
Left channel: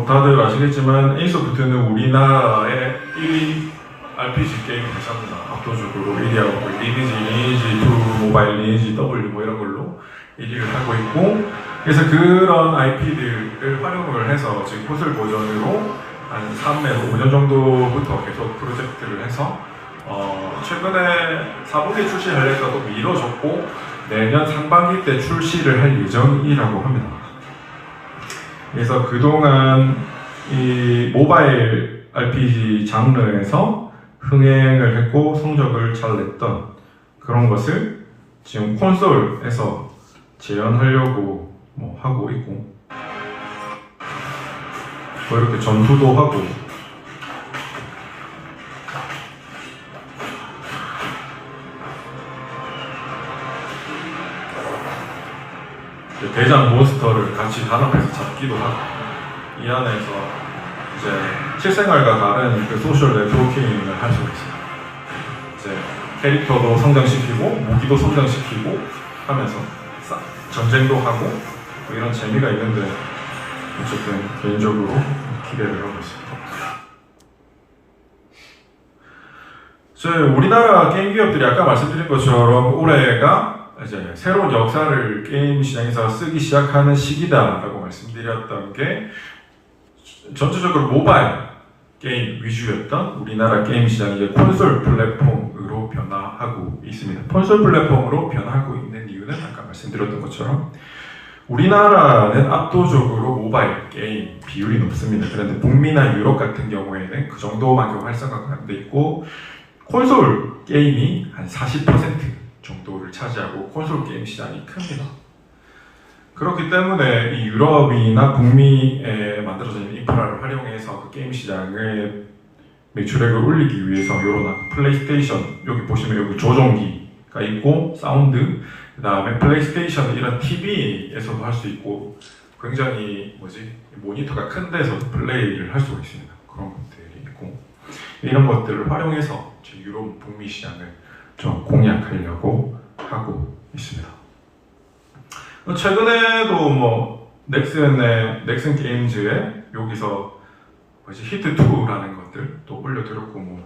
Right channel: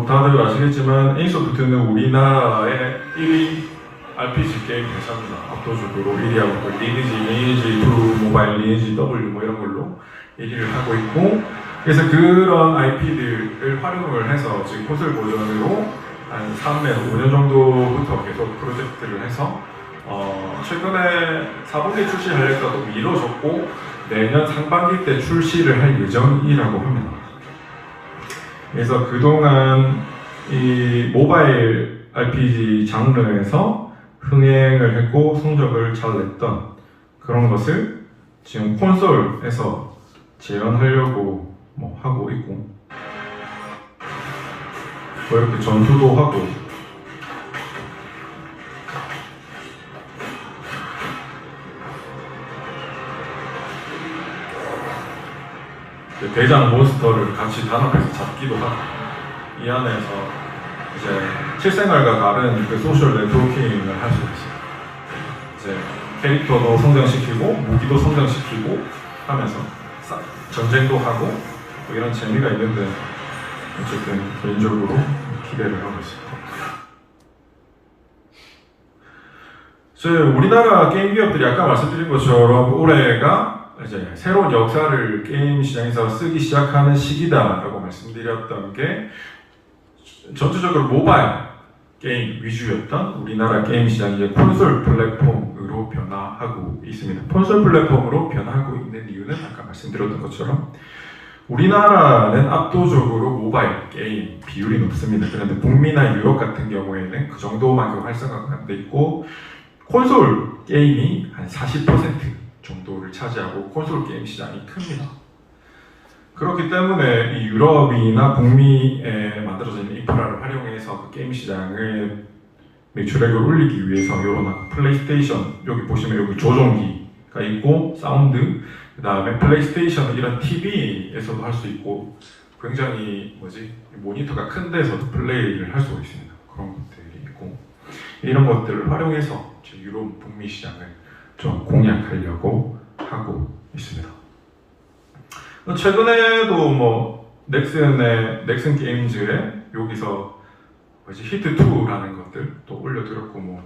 다들 아시겠지만 NC소프트는 우리나라의 1위 RPG 게임 회사입니다. 압도적으로 1위하고 리니지 2, 모바일 리니지 W 이런 걸로 1위를 하고 있고, 그래서 그런 IP들을 활용을 해서 지금 콘솔 버전으로 한 3년, 5년 정도부터 계속 프로젝트를 해서 최근에 4분기 출시하려 했다도 미뤄졌고 내년 상반기 때 출시를 할 예정이라고 합니다. 그래서 그동안 이 모바일 RPG 장르에서 흥행을 했고 성적을 잘 냈던 그런 것을 지금 콘솔에서 재현하려고 하고 있고, 이렇게 전투도 하고 대장 몬스터를 같이 단합해서 잡기도 하고, 이 안에서 이제 실생활과 다른 그 소셜 네트워킹을 할 수 있어요. 이제 캐릭터도 성장시키고 무기도 성장시키고 하면서 전쟁도 하고 이런 재미가 있는데 어쨌든 개인적으로 기대를 하고 있습니다. 저희 우리나라 게임 기업들이 아까 말씀드린 것처럼 올해가 이제 새로운 역사를 게임 시장에서 쓰기 시작하는 시기다라고 말씀드렸던 게 전체적으로 모바일 게임 위주였던 우리나라 게임 시장이 이제 콘솔 플랫폼으로 변화하고 있습니다. 콘솔 플랫폼으로 변화하고 있는 이유는 아까 말씀드렸던 것처럼 우리나라는 압도적으로 모바일 게임 비율이 높습니다. 그런데 북미나 유럽 같은 경우에는 그 정도만큼 활성화가 안 돼 있고 콘솔 게임이 한 40% 정도를 차지하고 콘솔 게임 시장이 큽니다. 그렇기 때문에 이 유럽이나 북미에 만들어진 인프라를 활용해서 그 게임 시장의 매출액을 올리기 위해서 이런 플레이스테이션, 여기 보시면 여기 조종기가 있고 사운드, 그 다음에 플레이스테이션 이런 TV에서도 할 수 있고 굉장히 모니터가 큰 데서도 플레이를 할 수가 있습니다. 그런 것들이 있고 이런 것들을 활용해서 유럽 북미 시장을 좀 공략하려고 하고 있습니다. 최근에도 넥슨 게임즈에 여기서 히트2라는 것들 또 올려드렸고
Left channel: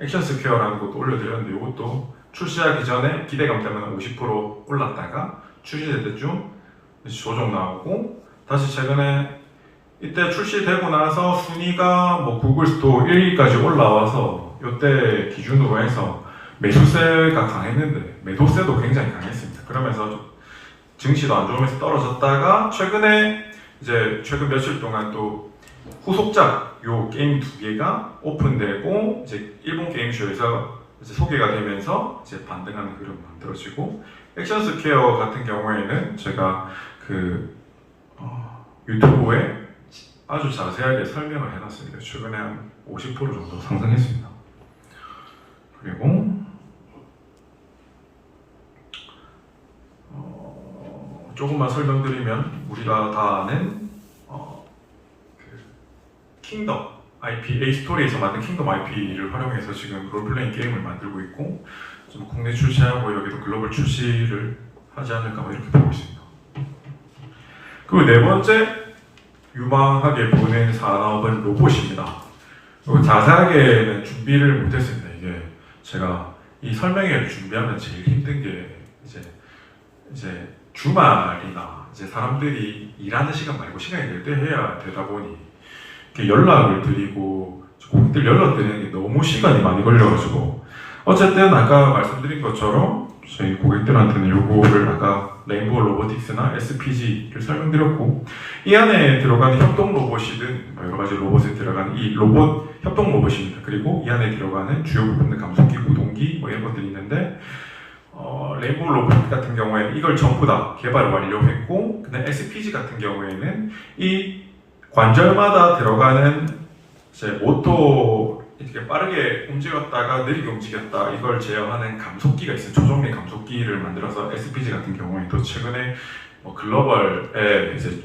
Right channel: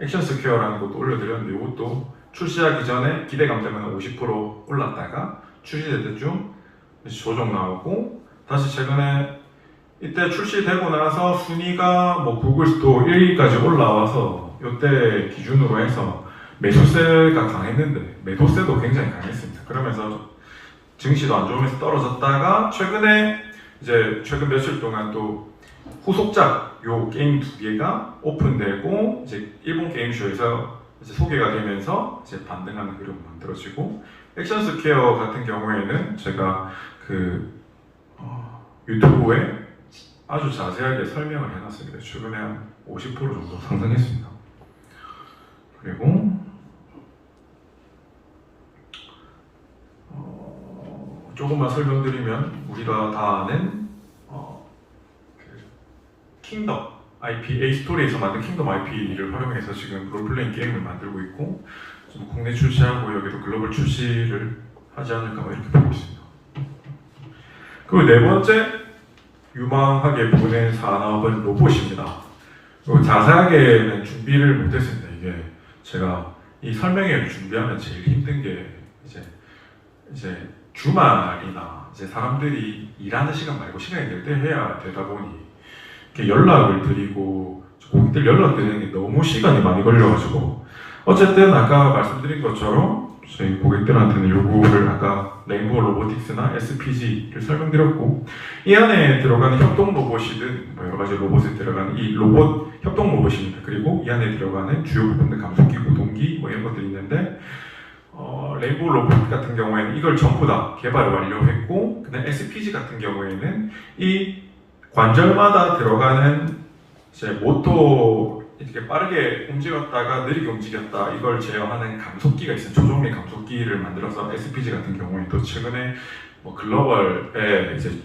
액션 스퀘어라는 것도 올려드렸는데 이것도 출시하기 전에 기대감 때문에 50% 올랐다가 출시될 때쯤 조정 나오고 다시 최근에 이때 출시되고 나서 순위가 구글 스토어 1위까지 올라와서 이때 기준으로 해서 매수세가 강했는데 매도세도 굉장히 강했습니다. 그러면서 증시도 안 좋으면서 떨어졌다가 최근 며칠 동안 또 후속작 요 게임 2개가 오픈되고 이제 일본 게임쇼에서 이제 소개가 되면서 이제 반등하는 흐름 만들어지고 액션 스퀘어 같은 경우에는 제가 유튜브에 아주 자세하게 설명을 해놨습니다. 최근에 한 50% 정도 상승했습니다. 그리고 조금만 설명드리면 우리가 다 아는 킹덤 IP, A-스토리에서 만든 킹덤 IP를 활용해서 지금 롤플레잉 게임을 만들고 있고 좀 국내 출시하고 여기도 글로벌 출시를 하지 않을까 이렇게 보고 있습니다. 그리고 네 번째 유망하게 보는 산업은 로봇입니다. 자세하게는 준비를 못했습니다. 이게 제가 이 설명회를 준비하면 제일 힘든 게 이제 주말이나 이제 사람들이 일하는 시간 말고 시간이 될 때 해야 되다 보니 이렇게 연락을 드리고 고객들 연락 드리는 게 너무 시간이 많이 걸려가지고 어쨌든 아까 말씀드린 것처럼 저희 고객들한테는 요거를 아까 레인보우 로보틱스나 SPG를 설명드렸고 이 안에 들어가는 협동 로봇이든 여러 가지 로봇에 들어가는 이 로봇 협동 로봇입니다. 그리고 이 안에 들어가는 주요 부분들 감속기, 구동기 이런 것들이 있는데 레인보우 로보틱 같은 경우에는 이걸 전부 다 개발을 완료했고 그다음 SPG 같은 경우에는 이 관절마다 들어가는 이제 모터 이렇게 빠르게 움직였다가 느리게 움직였다 이걸 제어하는 감속기가 있어요. 조종계 감속기를 만들어서 SPG 같은 경우에도 최근에 글로벌에 이제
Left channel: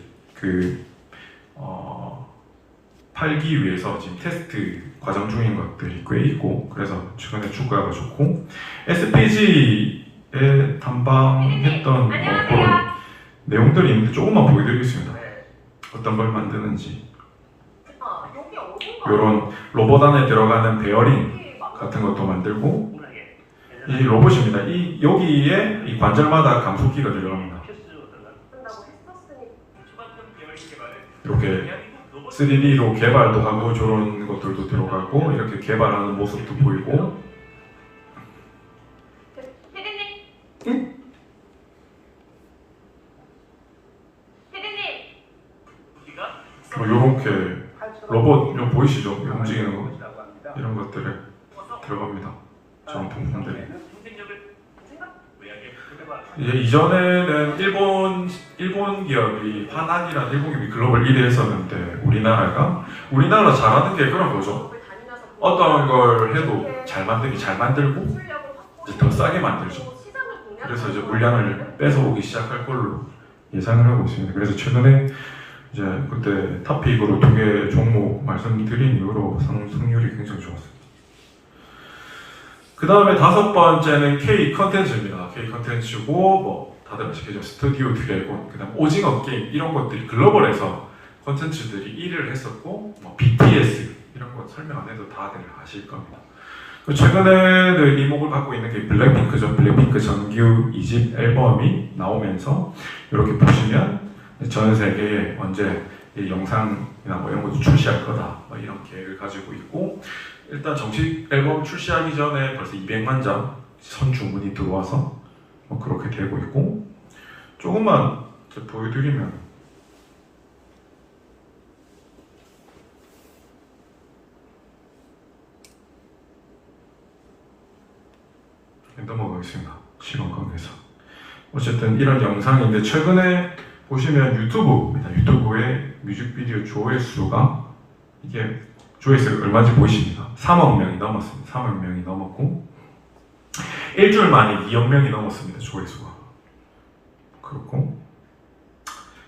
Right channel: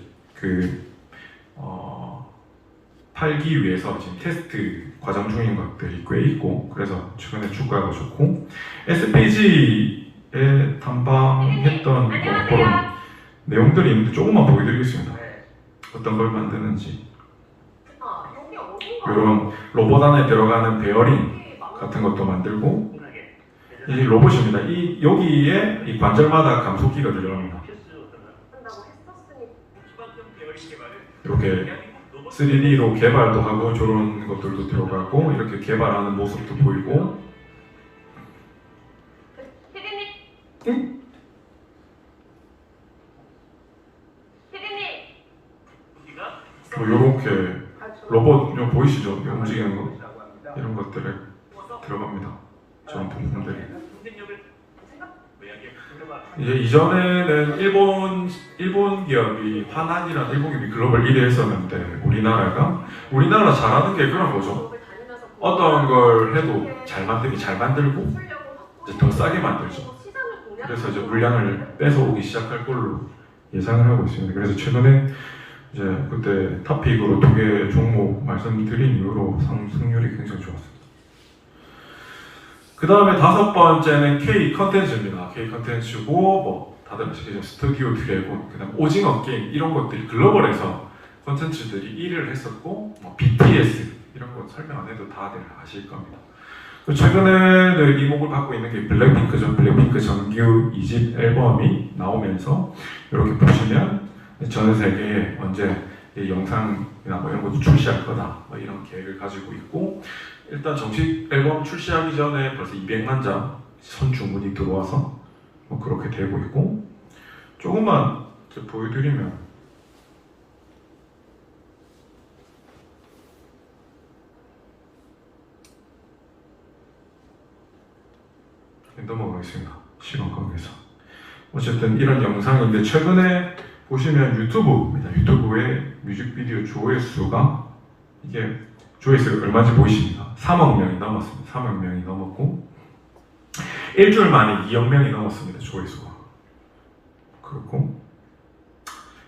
팔기 위해서 지금 테스트 과정 중인 것들이 꽤 있고 그래서 최근에 주가가 좋고 SPG에 탐방했던 그런 내용들이 있는데 조금만 보여드리겠습니다. 어떤 걸 만드는지 이런 로봇 안에 들어가는 베어링 같은 것도 만들고 이 로봇입니다. 여기에 이 관절마다 감속기가 들어갑니다. 이렇게 3D로 개발도 하고 저런 것들도 들어가고 이렇게 개발하는 모습도 보이고 이렇게 로봇 보이시죠? 움직이는 거 이런 것들에 들어갑니다. 저런 부품들이 이전에는 일본 기업이 한한이라는 일본 기업이 글로벌 1위 했었는데 우리나라 잘하는 게 그런 거죠. 어떤 걸 해도 잘 만들고 이제 더 싸게 만들죠. 그래서 이제 물량을 뺏어오기 시작할 걸로 예상을 하고 있습니다. 그래서 최근에 이제 그때 탑픽으로 2개 종목 말씀드린 이후로 상승률이 굉장히 좋았습니다. 그 다음에 5번째는 K 컨텐츠입니다. K 컨텐츠고 다들 아시겠죠? 스튜디오 드래곤, 그 다음 오징어 게임 이런 것들이 글로벌에서 컨텐츠들이 1위를 했었고 BTS 이런 거 설명 안 해도 다들 아실 겁니다. 최근에는 이목을 받고 있는 게 블랙핑크죠. 블랙핑크 정규 2집 앨범이 나오면서 이렇게 보시면 전 세계에 언제 이 영상이나 이런 것도 출시할 거다 이런 계획을 가지고 있고 일단 정식 앨범 출시하기 전에 벌써 200만 장 선주문이 들어와서 그렇게 되고 있고 조금만 보여드리면 넘어가겠습니다. 시간 관계에서 어쨌든 이런 영상인데 최근에 보시면 유튜브의 뮤직비디오 조회수가 이게 조회수가 얼마인지 보이십니다. 3억 명이 넘었습니다. 3억 명이 넘었고 일주일 만에 2억 명이 넘었습니다. 조회수가. 그렇고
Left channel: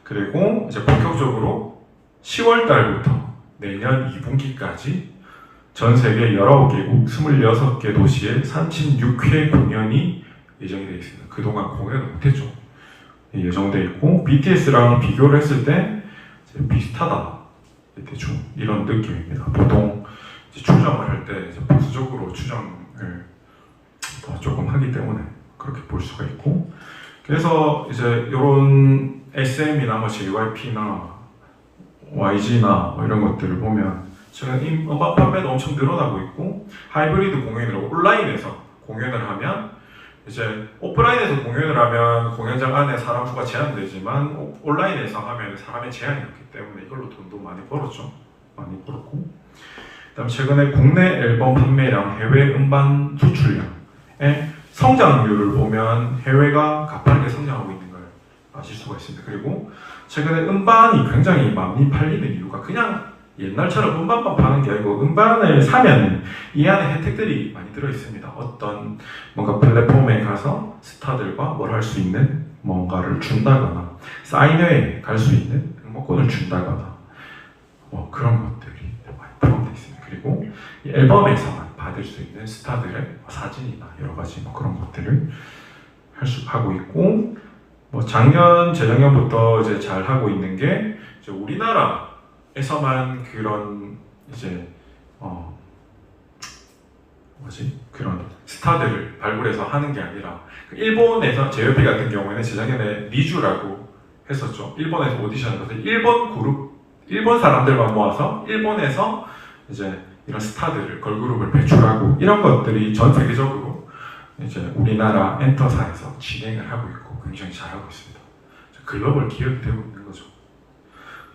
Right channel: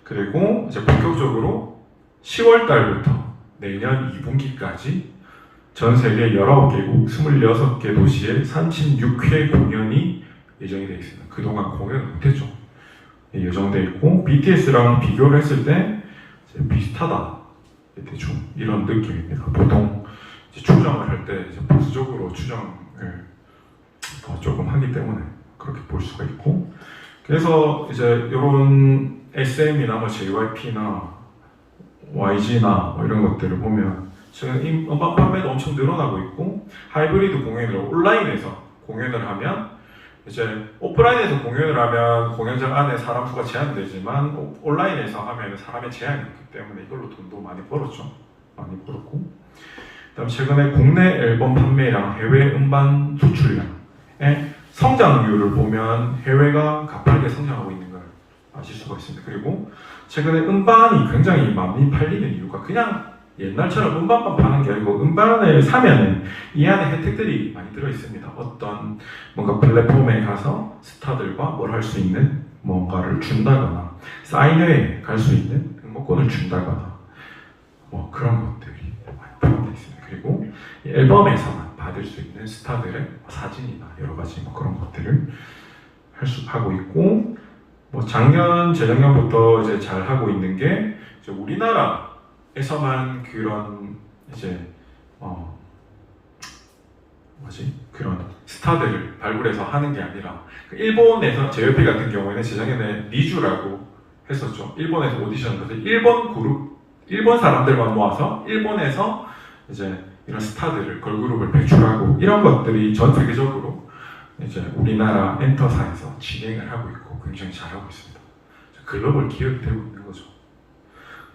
그리고 이제 본격적으로 10월 달부터 내년 2분기까지 전 세계 19개국 26개 도시에 36회 공연이 예정이 되어 있습니다. 그동안 공연을 못했죠. 예정되어 있고 BTS랑 비교를 했을 때 이제 비슷하다. 대충 이런 느낌입니다. 보통 이제 추정을 할 때 보수적으로 추정을 조금 하기 때문에 그렇게 볼 수가 있고 그래서 이제 이런 SM이나 뭐 JYP나 YG나 뭐 이런 것들을 보면 지금 음반 판매도 엄청 늘어나고 있고 하이브리드 공연으로 온라인에서 공연을 하면 이제 오프라인에서 공연을 하면 공연장 안에 사람 수가 제한되지만 온라인에서 하면 사람의 제한이 없기 때문에 이걸로 돈도 많이 벌었죠. 많이 벌었고 그다음 최근에 국내 앨범 판매량, 해외 음반 수출량의 성장률을 보면 해외가 가파르게 성장하고 있는 걸 아실 수가 있습니다. 그리고 최근에 음반이 굉장히 많이 팔리는 이유가 그냥 옛날처럼 음반만 파는 게 아니고 음반을 사면 이 안에 혜택들이 많이 들어있습니다. 어떤 뭔가 플랫폼에 가서 스타들과 뭘 할 수 있는 뭔가를 준다거나 사인회에 갈 수 있는 응모권을 준다거나 뭐 그런 것들이 많이 포함되어 있습니다. 그리고 이 앨범에서만 받을 수 있는 스타들의 사진이나 여러 가지 뭐 그런 것들을 하고 있고 뭐 작년, 재작년부터 이제 잘 하고 있는 게 이제 우리나라에서만 그런 이제 그런 스타들을 발굴해서 하는 게 아니라 일본에서 JYP 같은 경우에는 재작년에 리주라고 했었죠. 일본에서 오디션을 해서 일본 사람들만 모아서 일본에서 이제 이런 스타들을 걸그룹을 배출하고 이런 것들이 전 세계적으로 이제 우리나라 엔터사에서 진행을 하고 있고 굉장히 잘하고 있습니다. 글로벌 기업이 되고 있는 거죠.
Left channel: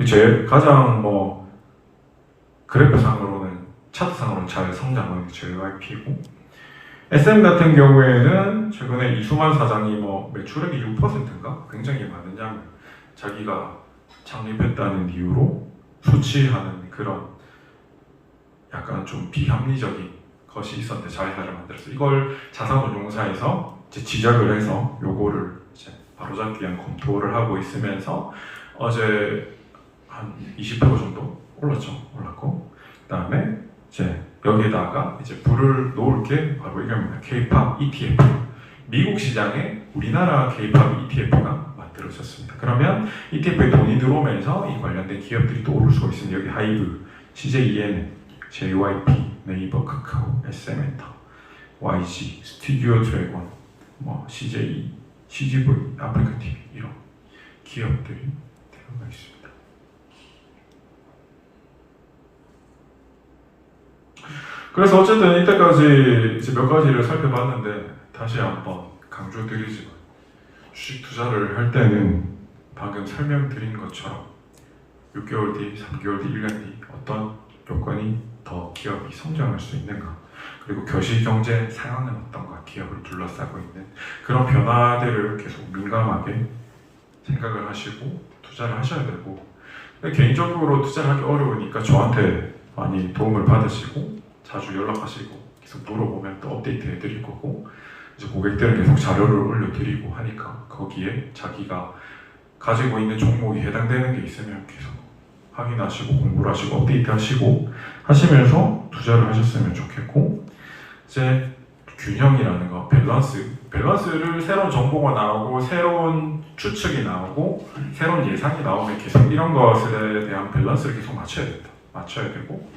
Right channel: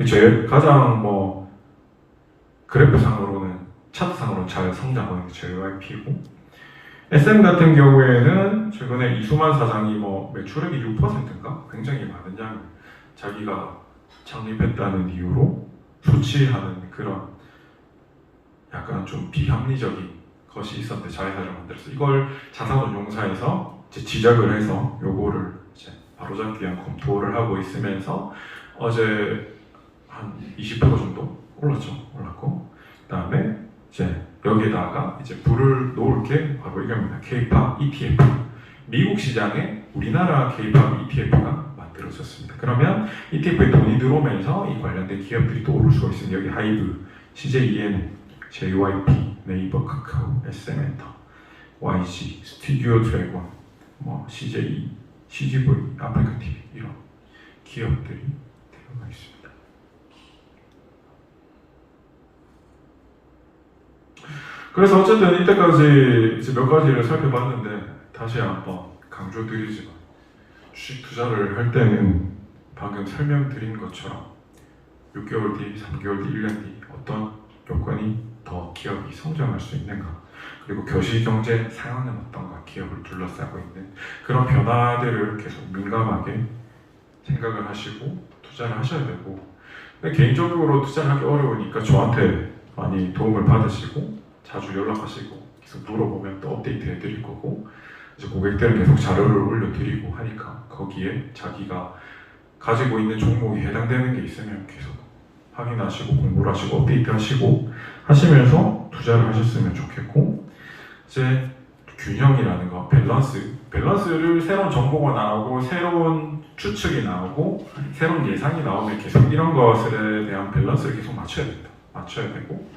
제 가장 뭐 그래프상으로는 차트상으로는 잘 성장하고 있는 JYP고 SM 같은 경우에는 최근에 이수만 사장이 뭐 매출액이 6%인가 굉장히 많은 양을 자기가 창립했다는 이유로 수치하는 그런 약간 좀 비합리적인 것이 있었는데 자회사를 만들어서 이걸 자산운용사에서 이제 지적을 해서 요거를 이제 바로잡기 위한 검토를 하고 있으면서 어제 한 20% 정도 올랐고 그다음에 이제 여기다가 이제 불을 놓을 게 바로 이겁니다. K-pop ETF. 미국 시장에 우리나라 K-pop ETF가 만들어졌습니다. 그러면 ETF에 돈이 들어오면서 이 관련된 기업들이 또 오를 수가 있습니다. 여기 하이브, CJEN, JYP, 네이버, 카카오, SM엔터, YG, 스튜디오 드래곤, 뭐 CJ, CGV, 아프리카 TV 이런 기업들이 들어가 있습니다. 그래서 어쨌든 이때까지 이제 몇 가지를 살펴봤는데 다시 한번 강조드리지만 주식 투자를 할 때는 방금 설명드린 것처럼 6개월 뒤, 3개월 뒤, 1년 뒤 어떤 요건이 더 기업이 성장할 수 있는가 그리고 거시경제 상황은 어떤가 기업을 둘러싸고 있는 그런 변화들을 계속 민감하게 생각을 하시고 투자를 하셔야 되고 근데 개인적으로 투자를 하기 어려우니까 저한테 많이 도움을 받으시고 자주 연락하시고 계속 물어보면 또 업데이트 해드릴 거고 이제 고객들은 계속 자료를 올려드리고 하니까 거기에 자기가 가지고 있는 종목이 해당되는 게 있으면 계속 확인하시고 공부를 하시고 업데이트 하시고 하시면서 투자를 하셨으면 좋겠고 이제 균형이라는 거 밸런스를 새로운 정보가 나오고 새로운 추측이 나오고 새로운 예상이 나오면 계속 이런 것에 대한 밸런스를 계속 맞춰야 되고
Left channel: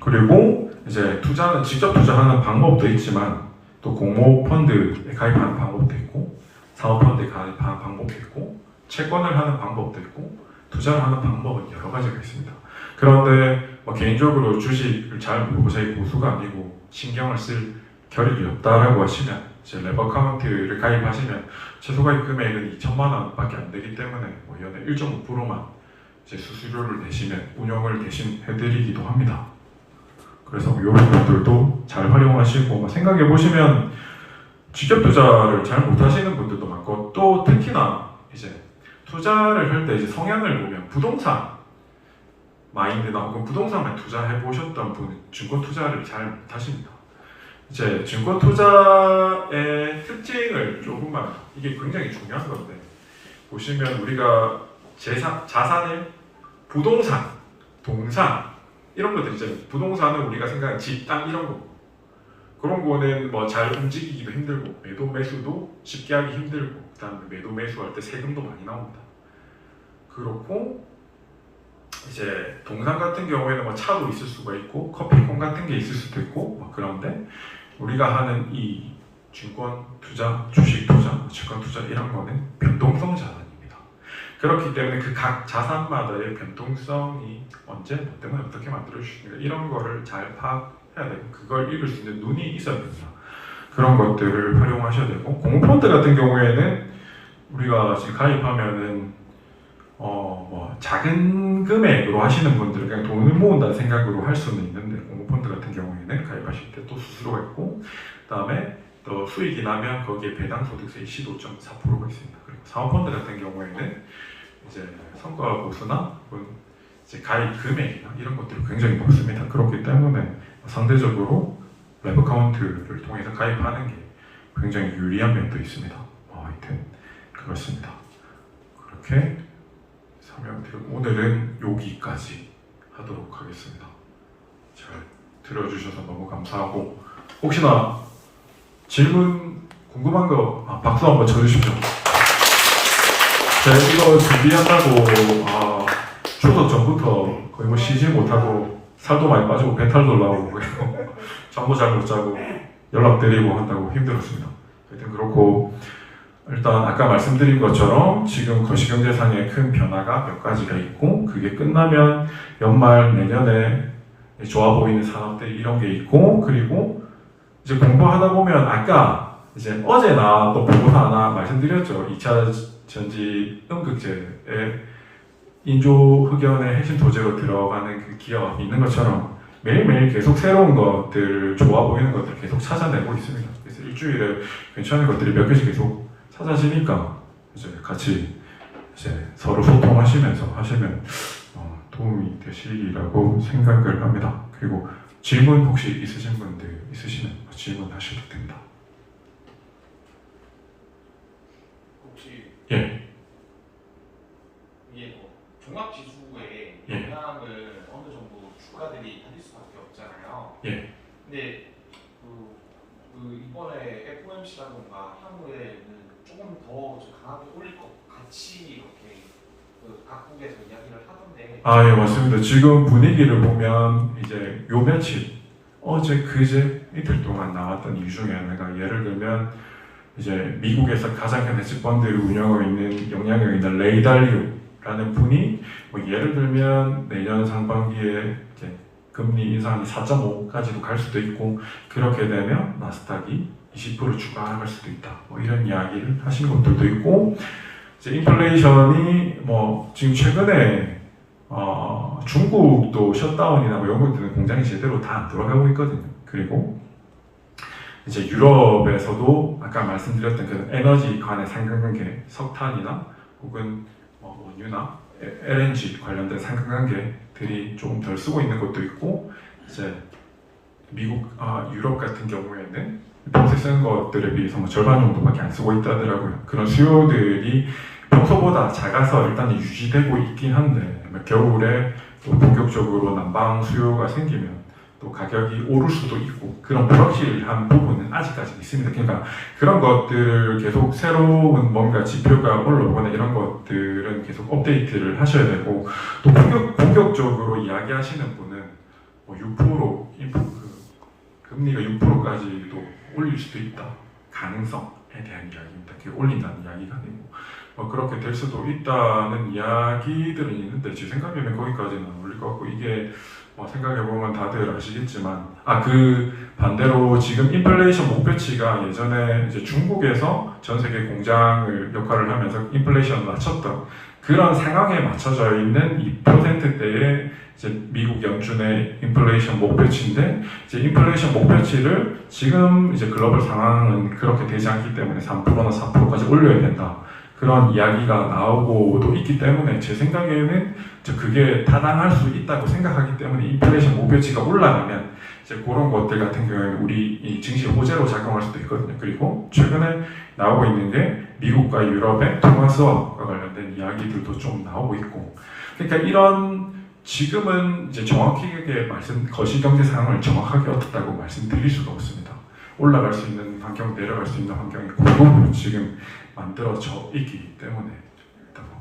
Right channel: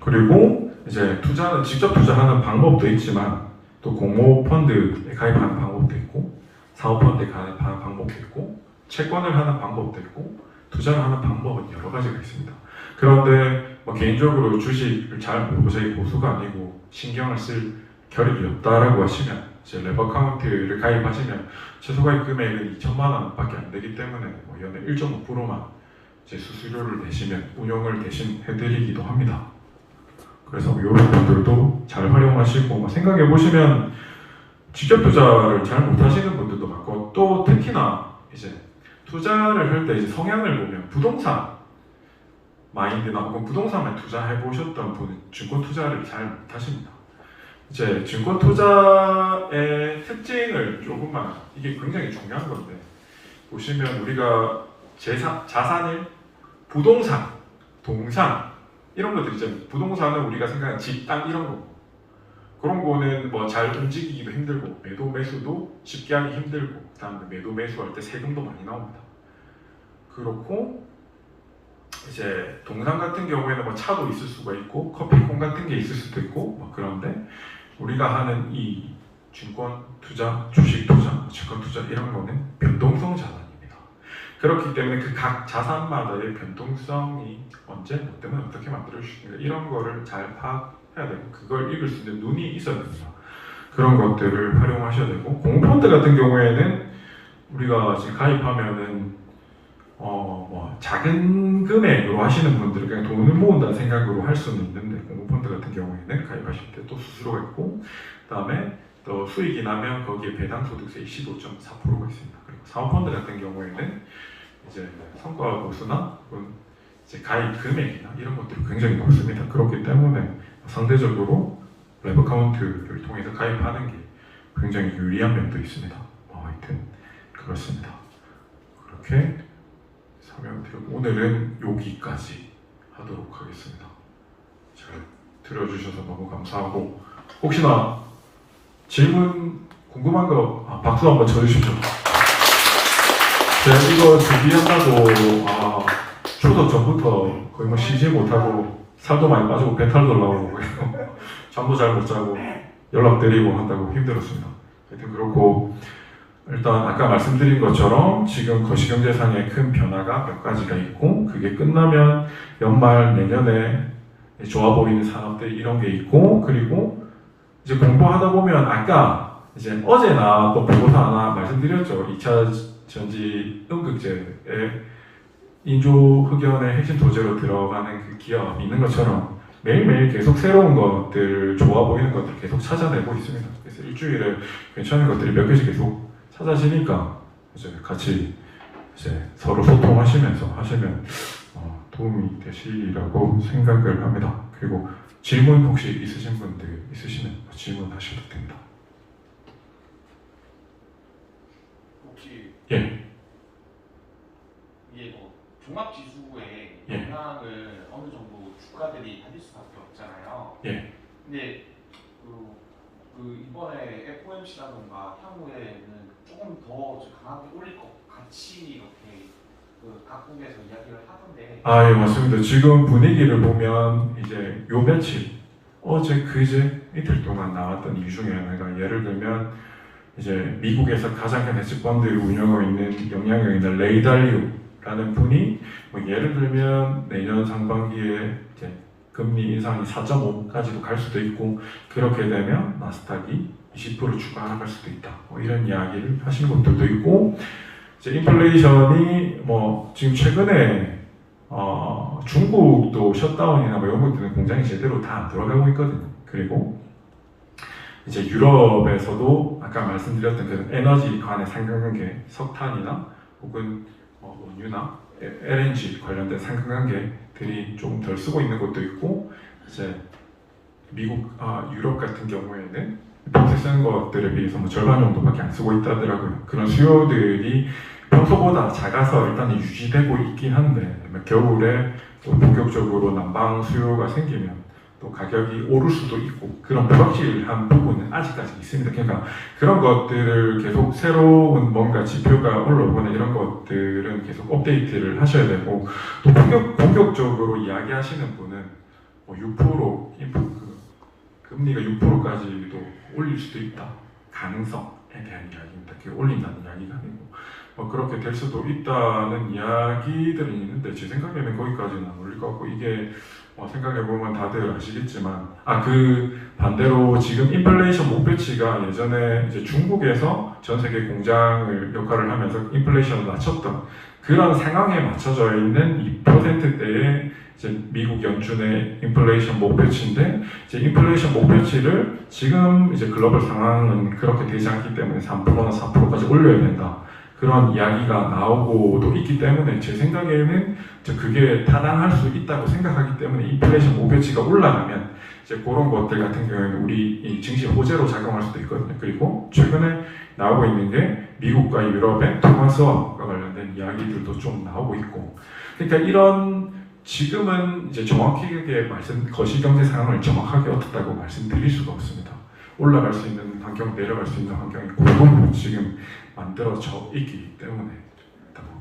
그리고 이제 투자는 직접 투자하는 방법도 있지만 또 공모펀드에 가입하는 방법도 있고 사업펀드에 가입하는 방법도 있고 채권을 하는 방법도 있고 투자를 하는 방법은 여러 가지가 있습니다. 그런데 뭐 개인적으로 주식을 잘 모르고 저희 고수가 아니고 신경을 쓸 겨를이 없다라고 하시면 이제 레버 카운트를 가입하시면 최소 가입 금액은 2천만 원밖에 안 되기 때문에 뭐 연에 1.5%만 이제 수수료를 내시면 운영을 대신 해드리기도 합니다. 그래서 이런 분들도 잘 활용하시고 뭐 생각해 보시면 직접 투자를 잘 못하시는 분들도 많고 또 특히나 이제 투자를 할 때 이제 성향을 보면 부동산 마인드나 혹은 부동산에 투자해 보셨던 분 증권 투자를 잘 못하십니다. 이제 증권 투자의 특징을 조금만 이게 굉장히 중요한 건데 보시면 우리가 자산을 부동산, 동산 이런 것들 이제 부동산은 우리가 생각하는 집, 땅 이런 거 그런 거는 뭐 잘 움직이기도 힘들고 매도 매수도 쉽게 하기 힘들고 그다음에 매도 매수할 때 세금도 많이 나옵니다. 그렇고 이제 동산 같은 경우에는 뭐 차도 있을 수가 있고 커피콩 같은 게 있을 수도 있고 뭐 그런데 우리가 하는 이 증권 투자, 주식 투자, 채권 투자 이런 거는 변동성 자산입니다. 그렇기 때문에 그 각 자산마다의 변동성이 언제 뭐 때문에 어떻게 만들어질 수 있는가 이런 거를 잘 파악해야 되고 그걸 읽을 수 있는 눈이 있어야 됩니다. 그런 것들을 활용하셔야 되고 공모펀드 같은 경우에는 우리가 지금 가입하면은 뭐 작은 금액으로 하시는 분들은 그냥 돈을 모은다는 생각으로 할 수는 있는데 공모펀드 같은 경우에는 가입하실 때 또 수수료가 있고 그다음에 또 수익이 나면 거기에 배당 소득세 15.4%가 있습니다. 그리고 사모펀드 같은 경우에는 이제 성과 보수나 혹은 이제 가입 금액이나 이런 것들이 굉장히 높습니다. 그렇기 때문에 상대적으로 웹 어카운트를 통해서 가입하는 게 굉장히 유리한 면도 있습니다. 하여튼 그렇습니다. 그렇게 설명드리고 오늘은 여기까지 하도록 하겠습니다. 잘 들어주셔서 너무 감사하고 혹시나 질문 궁금한 거 박수 한번 쳐주십시오. 제가 이거 준비한다고 추석 전부터 거의 뭐 쉬지 못하고 살도 많이 빠지고 배탈도 나오고 잠도 잘 못 자고 연락 드리고 한다고 힘들었습니다. 하여튼 그렇고 일단 아까 말씀드린 것처럼 지금 거시경제상에 큰 변화가 몇 가지가 있고 그게 끝나면 연말 내년에 좋아 보이는 산업들 이런 게 있고 그리고 이제 공부하다 보면 아까 이제 어제 나왔던 보고서 하나 말씀드렸죠. 2차 전지 음극재의 인조 흑연의 핵심 소재로 들어가는 그 기업이 있는 것처럼 매일매일 계속 새로운 것들 좋아 보이는 것들 계속 찾아내고 있습니다. 그래서 일주일에 괜찮은 것들이 몇 개씩 계속 찾아지니까 이제 같이 이제 서로 소통하시면서 하시면 도움이 되시리라고 생각을 합니다. 그리고 질문 혹시 있으신 분들 있으시면 질문하셔도 됩니다. 혹시 예. 이게 뭐 종합 지수에 예. 영향을 어느 정도 주가들이 받을 수밖에 없잖아요. 예. 근데 그 이번에 FOMC라든가 향후에는 조금 더 강하게 올릴 것 같이 이렇게 그 각국에서 이야기를 하던데. 예, 맞습니다. 지금 분위기를 보면 이제 요 며칠 어제 그제 이틀 동안 나왔던 이유 중에 하나가 예를 들면 이제 미국에서 가장 큰 헤지펀드를 운영하고 있는 영향력 있는 레이 달리오라는 분이 뭐 예를 들면 내년 상반기에 이제 금리 인상이 4.5까지도 갈 수도 있고 그렇게 되면 나스닥이 20% 추가 하락할 수도 있다. 뭐 이런 이야기를 하신 것들도 있고 이제 인플레이션이 뭐 지금 최근에 중국도 셧다운이나 뭐 이런 것들은 공장이 제대로 다 안 돌아가고 있거든요. 그리고 이제 유럽에서도 아까 말씀드렸던 그 에너지 간의 상관관계, 석탄이나 혹은 원유나 LNG 관련된 상관관계들이 조금 덜 쓰고 있는 것도 있고 이제 미국, 유럽 같은 경우에는 평소에 쓰는 것들에 비해서 뭐 절반 정도밖에 안 쓰고 있다더라고요. 그런 수요들이 평소보다 작아서 일단 유지되고 있긴 한데 겨울에 또 본격적으로 난방 수요가 생기면 또 가격이 오를 수도 있고 그런 불확실한 부분은 아직까지 있습니다. 그러니까 그런 것들을 계속 새로운 뭔가 지표가 올라오거나 이런 것들은 계속 업데이트를 하셔야 되고 또 본격적으로 이야기하시는 분은 뭐 6% 금리가 6%까지도 올릴 수도 있다. 가능성에 대한 이야기입니다. 그게 올린다는 이야기가 아니고 뭐 그렇게 될 수도 있다는 이야기들은 있는데 제 생각에는 거기까지는 안 올릴 것 같고 이게 생각해보면 다들 아시겠지만 그 반대로 지금 인플레이션 목표치가 예전에 이제 중국에서 전 세계 공장을 역할을 하면서 인플레이션을 맞췄던 그런 상황에 맞춰져 있는 2%대의 이제 미국 연준의 인플레이션 목표치인데 이제 인플레이션 목표치를 지금 이제 글로벌 상황은 그렇게 되지 않기 때문에 3%나 4%까지 올려야 된다. 그런 이야기가 나오고도 있기 때문에 제 생각에는 그게 타당할 수 있다고 생각하기 때문에 인플레이션 목표치가 올라가면 이제 그런 것들 같은 경우에는 우리 이 증시 호재로 작용할 수도 있거든요. 그리고 최근에 나오고 있는 게 미국과 유럽의 통화 수업과 관련된 이야기들도 좀 나오고 있고, 그러니까 이런 지금은 이제 정확하게 거시경제 상황을 정확하게 어떻다고 말씀드릴 수가 없습니다. 올라갈 수 있는 환경, 내려갈 수 있는 환경이 골고루 지금 만들어져 있기 때문에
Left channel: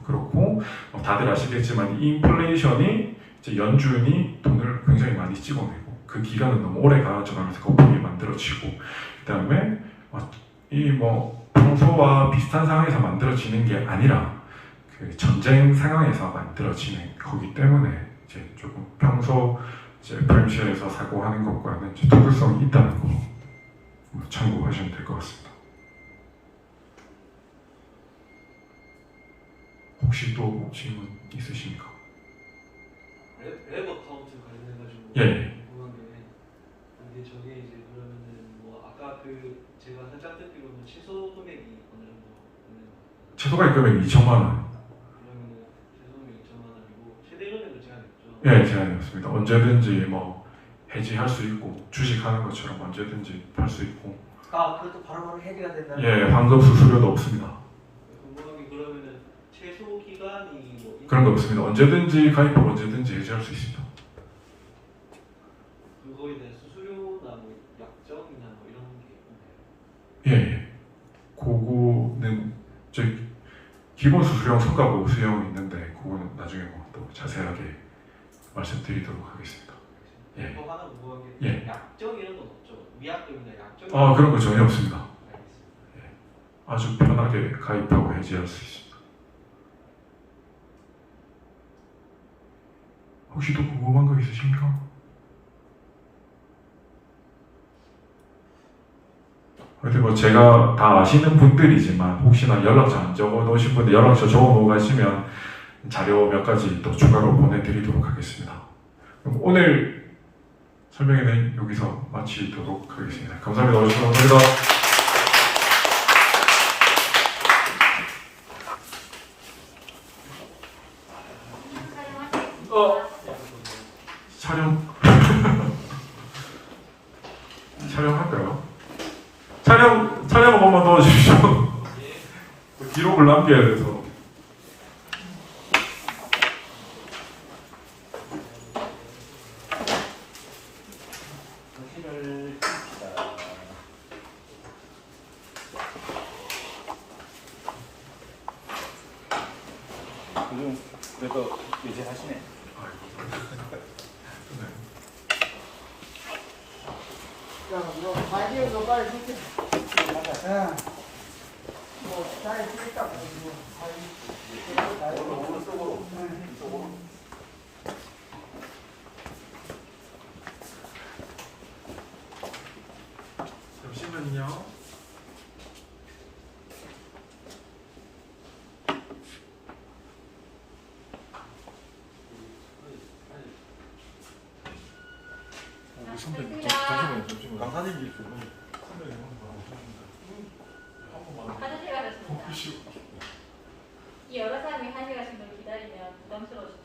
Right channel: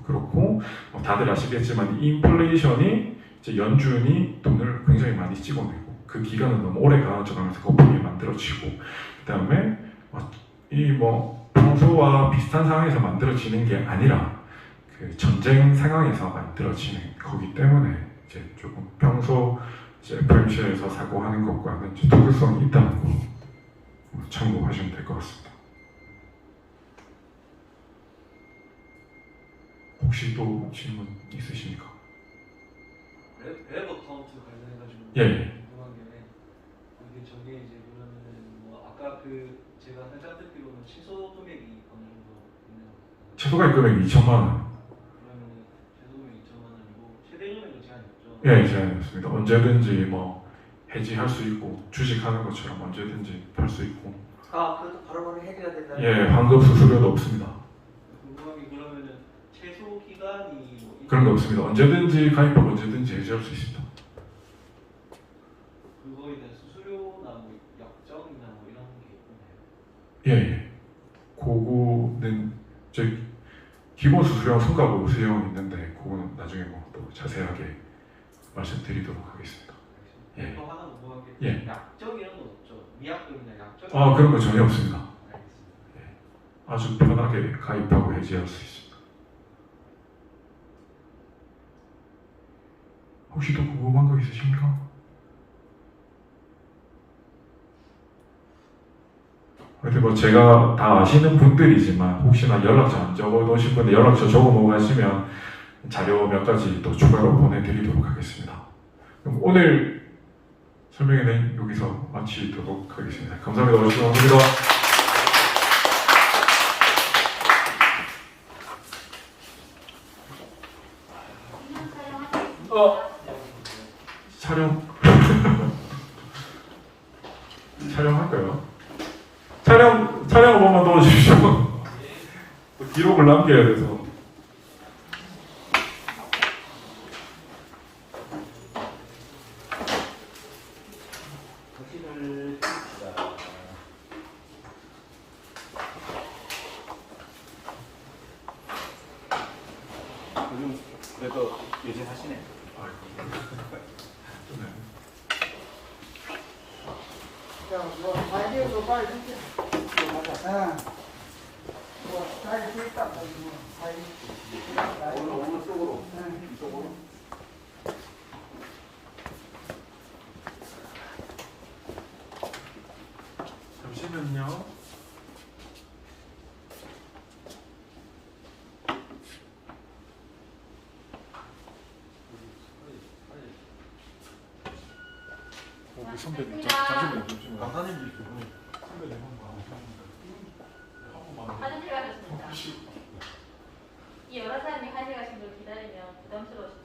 그렇고, 다들 아시겠지만 이 인플레이션이 이제 연준이 돈을 굉장히 많이 찍어내고 그 기간은 너무 오래 가져가면서 거품이 만들어지고, 그다음에 이 평소와 비슷한 상황에서 만들어지는 게 아니라 그 전쟁 상황에서 만들어지는 거기 때문에 이제 조금 평소 이제 FOMC에서 사고하는 것과는 이제 두들성이 있다는 거 참고하시면 될 것 같습니다. 혹시 또 질문 있으십니까? 랩 어카운트 관련해가지고 예. 궁금한 게 이게 저게 이제 그러면은 뭐 아까 그 제가 살짝 듣기로는 최소 금액이 어느 정도 있는 거예요? 최소가 금액이 2천만 원. 그러면은 최소 금액이 2천만 원이고 최대 금액은 제한이 없죠? 예, 제한이었습니다. 언제든지 해지할 수 있고 주식하는 것처럼 언제든지 팔 수 있고. 아, 그것도 바로바로 해결해야 된다. 예, 환급 수수료도 없습니다. 궁금한 게 그러면은 최소 기간이 뭐 그런 거 없습니다. 언제든지 가입하고 언제든지 해지할 수 있습니다. 그거에 대한 수수료나 뭐 약정이나 뭐 이런 게 있나요? 예, 그거는 제 기본 수수료랑 성과고 수수료는 있는데 그거는 나중에 또 자세하게 말씀드리도록 하겠습니다. 예. 또 하나 궁금한 게 예. 약정 이런 건 없죠? 위약금이나 약정? 그런 거 전혀 없습니다. 알겠습니다. 아주 편하게 가입하고 해지할 수 있습니다. 혹시 또 궁금한 거 있으십니까? 하여튼 제가 다 아시는 분들이지만 혹시나 연락처 안 적어 놓으신 분들 연락처 적어 놓고 가시면 자료 몇 가지 또 추가로 보내드리도록 하겠습니다. 그럼 오늘 설명회는 여기서 마치도록 하겠습니다. 감사합니다. 오늘 감사합니다. 촬영 촬영할까요? 촬영 한 번만 도와주십시오. 기록을 남겨야 돼서. 도시를 씁시다. 요즘 그래도 외제하시네. 자, 뭐, 다이어도 빨리 생겨. 응. 뭐, 잘 되니까, 오른쪽으로. 이쪽으로. 잠시만요. 선배님, 잠시만요. 강사님도 있어요. 선배님 화장실 가셨습니다. 이 여러 사람이 화장실 가신 걸 기다리면 부담스러우시죠?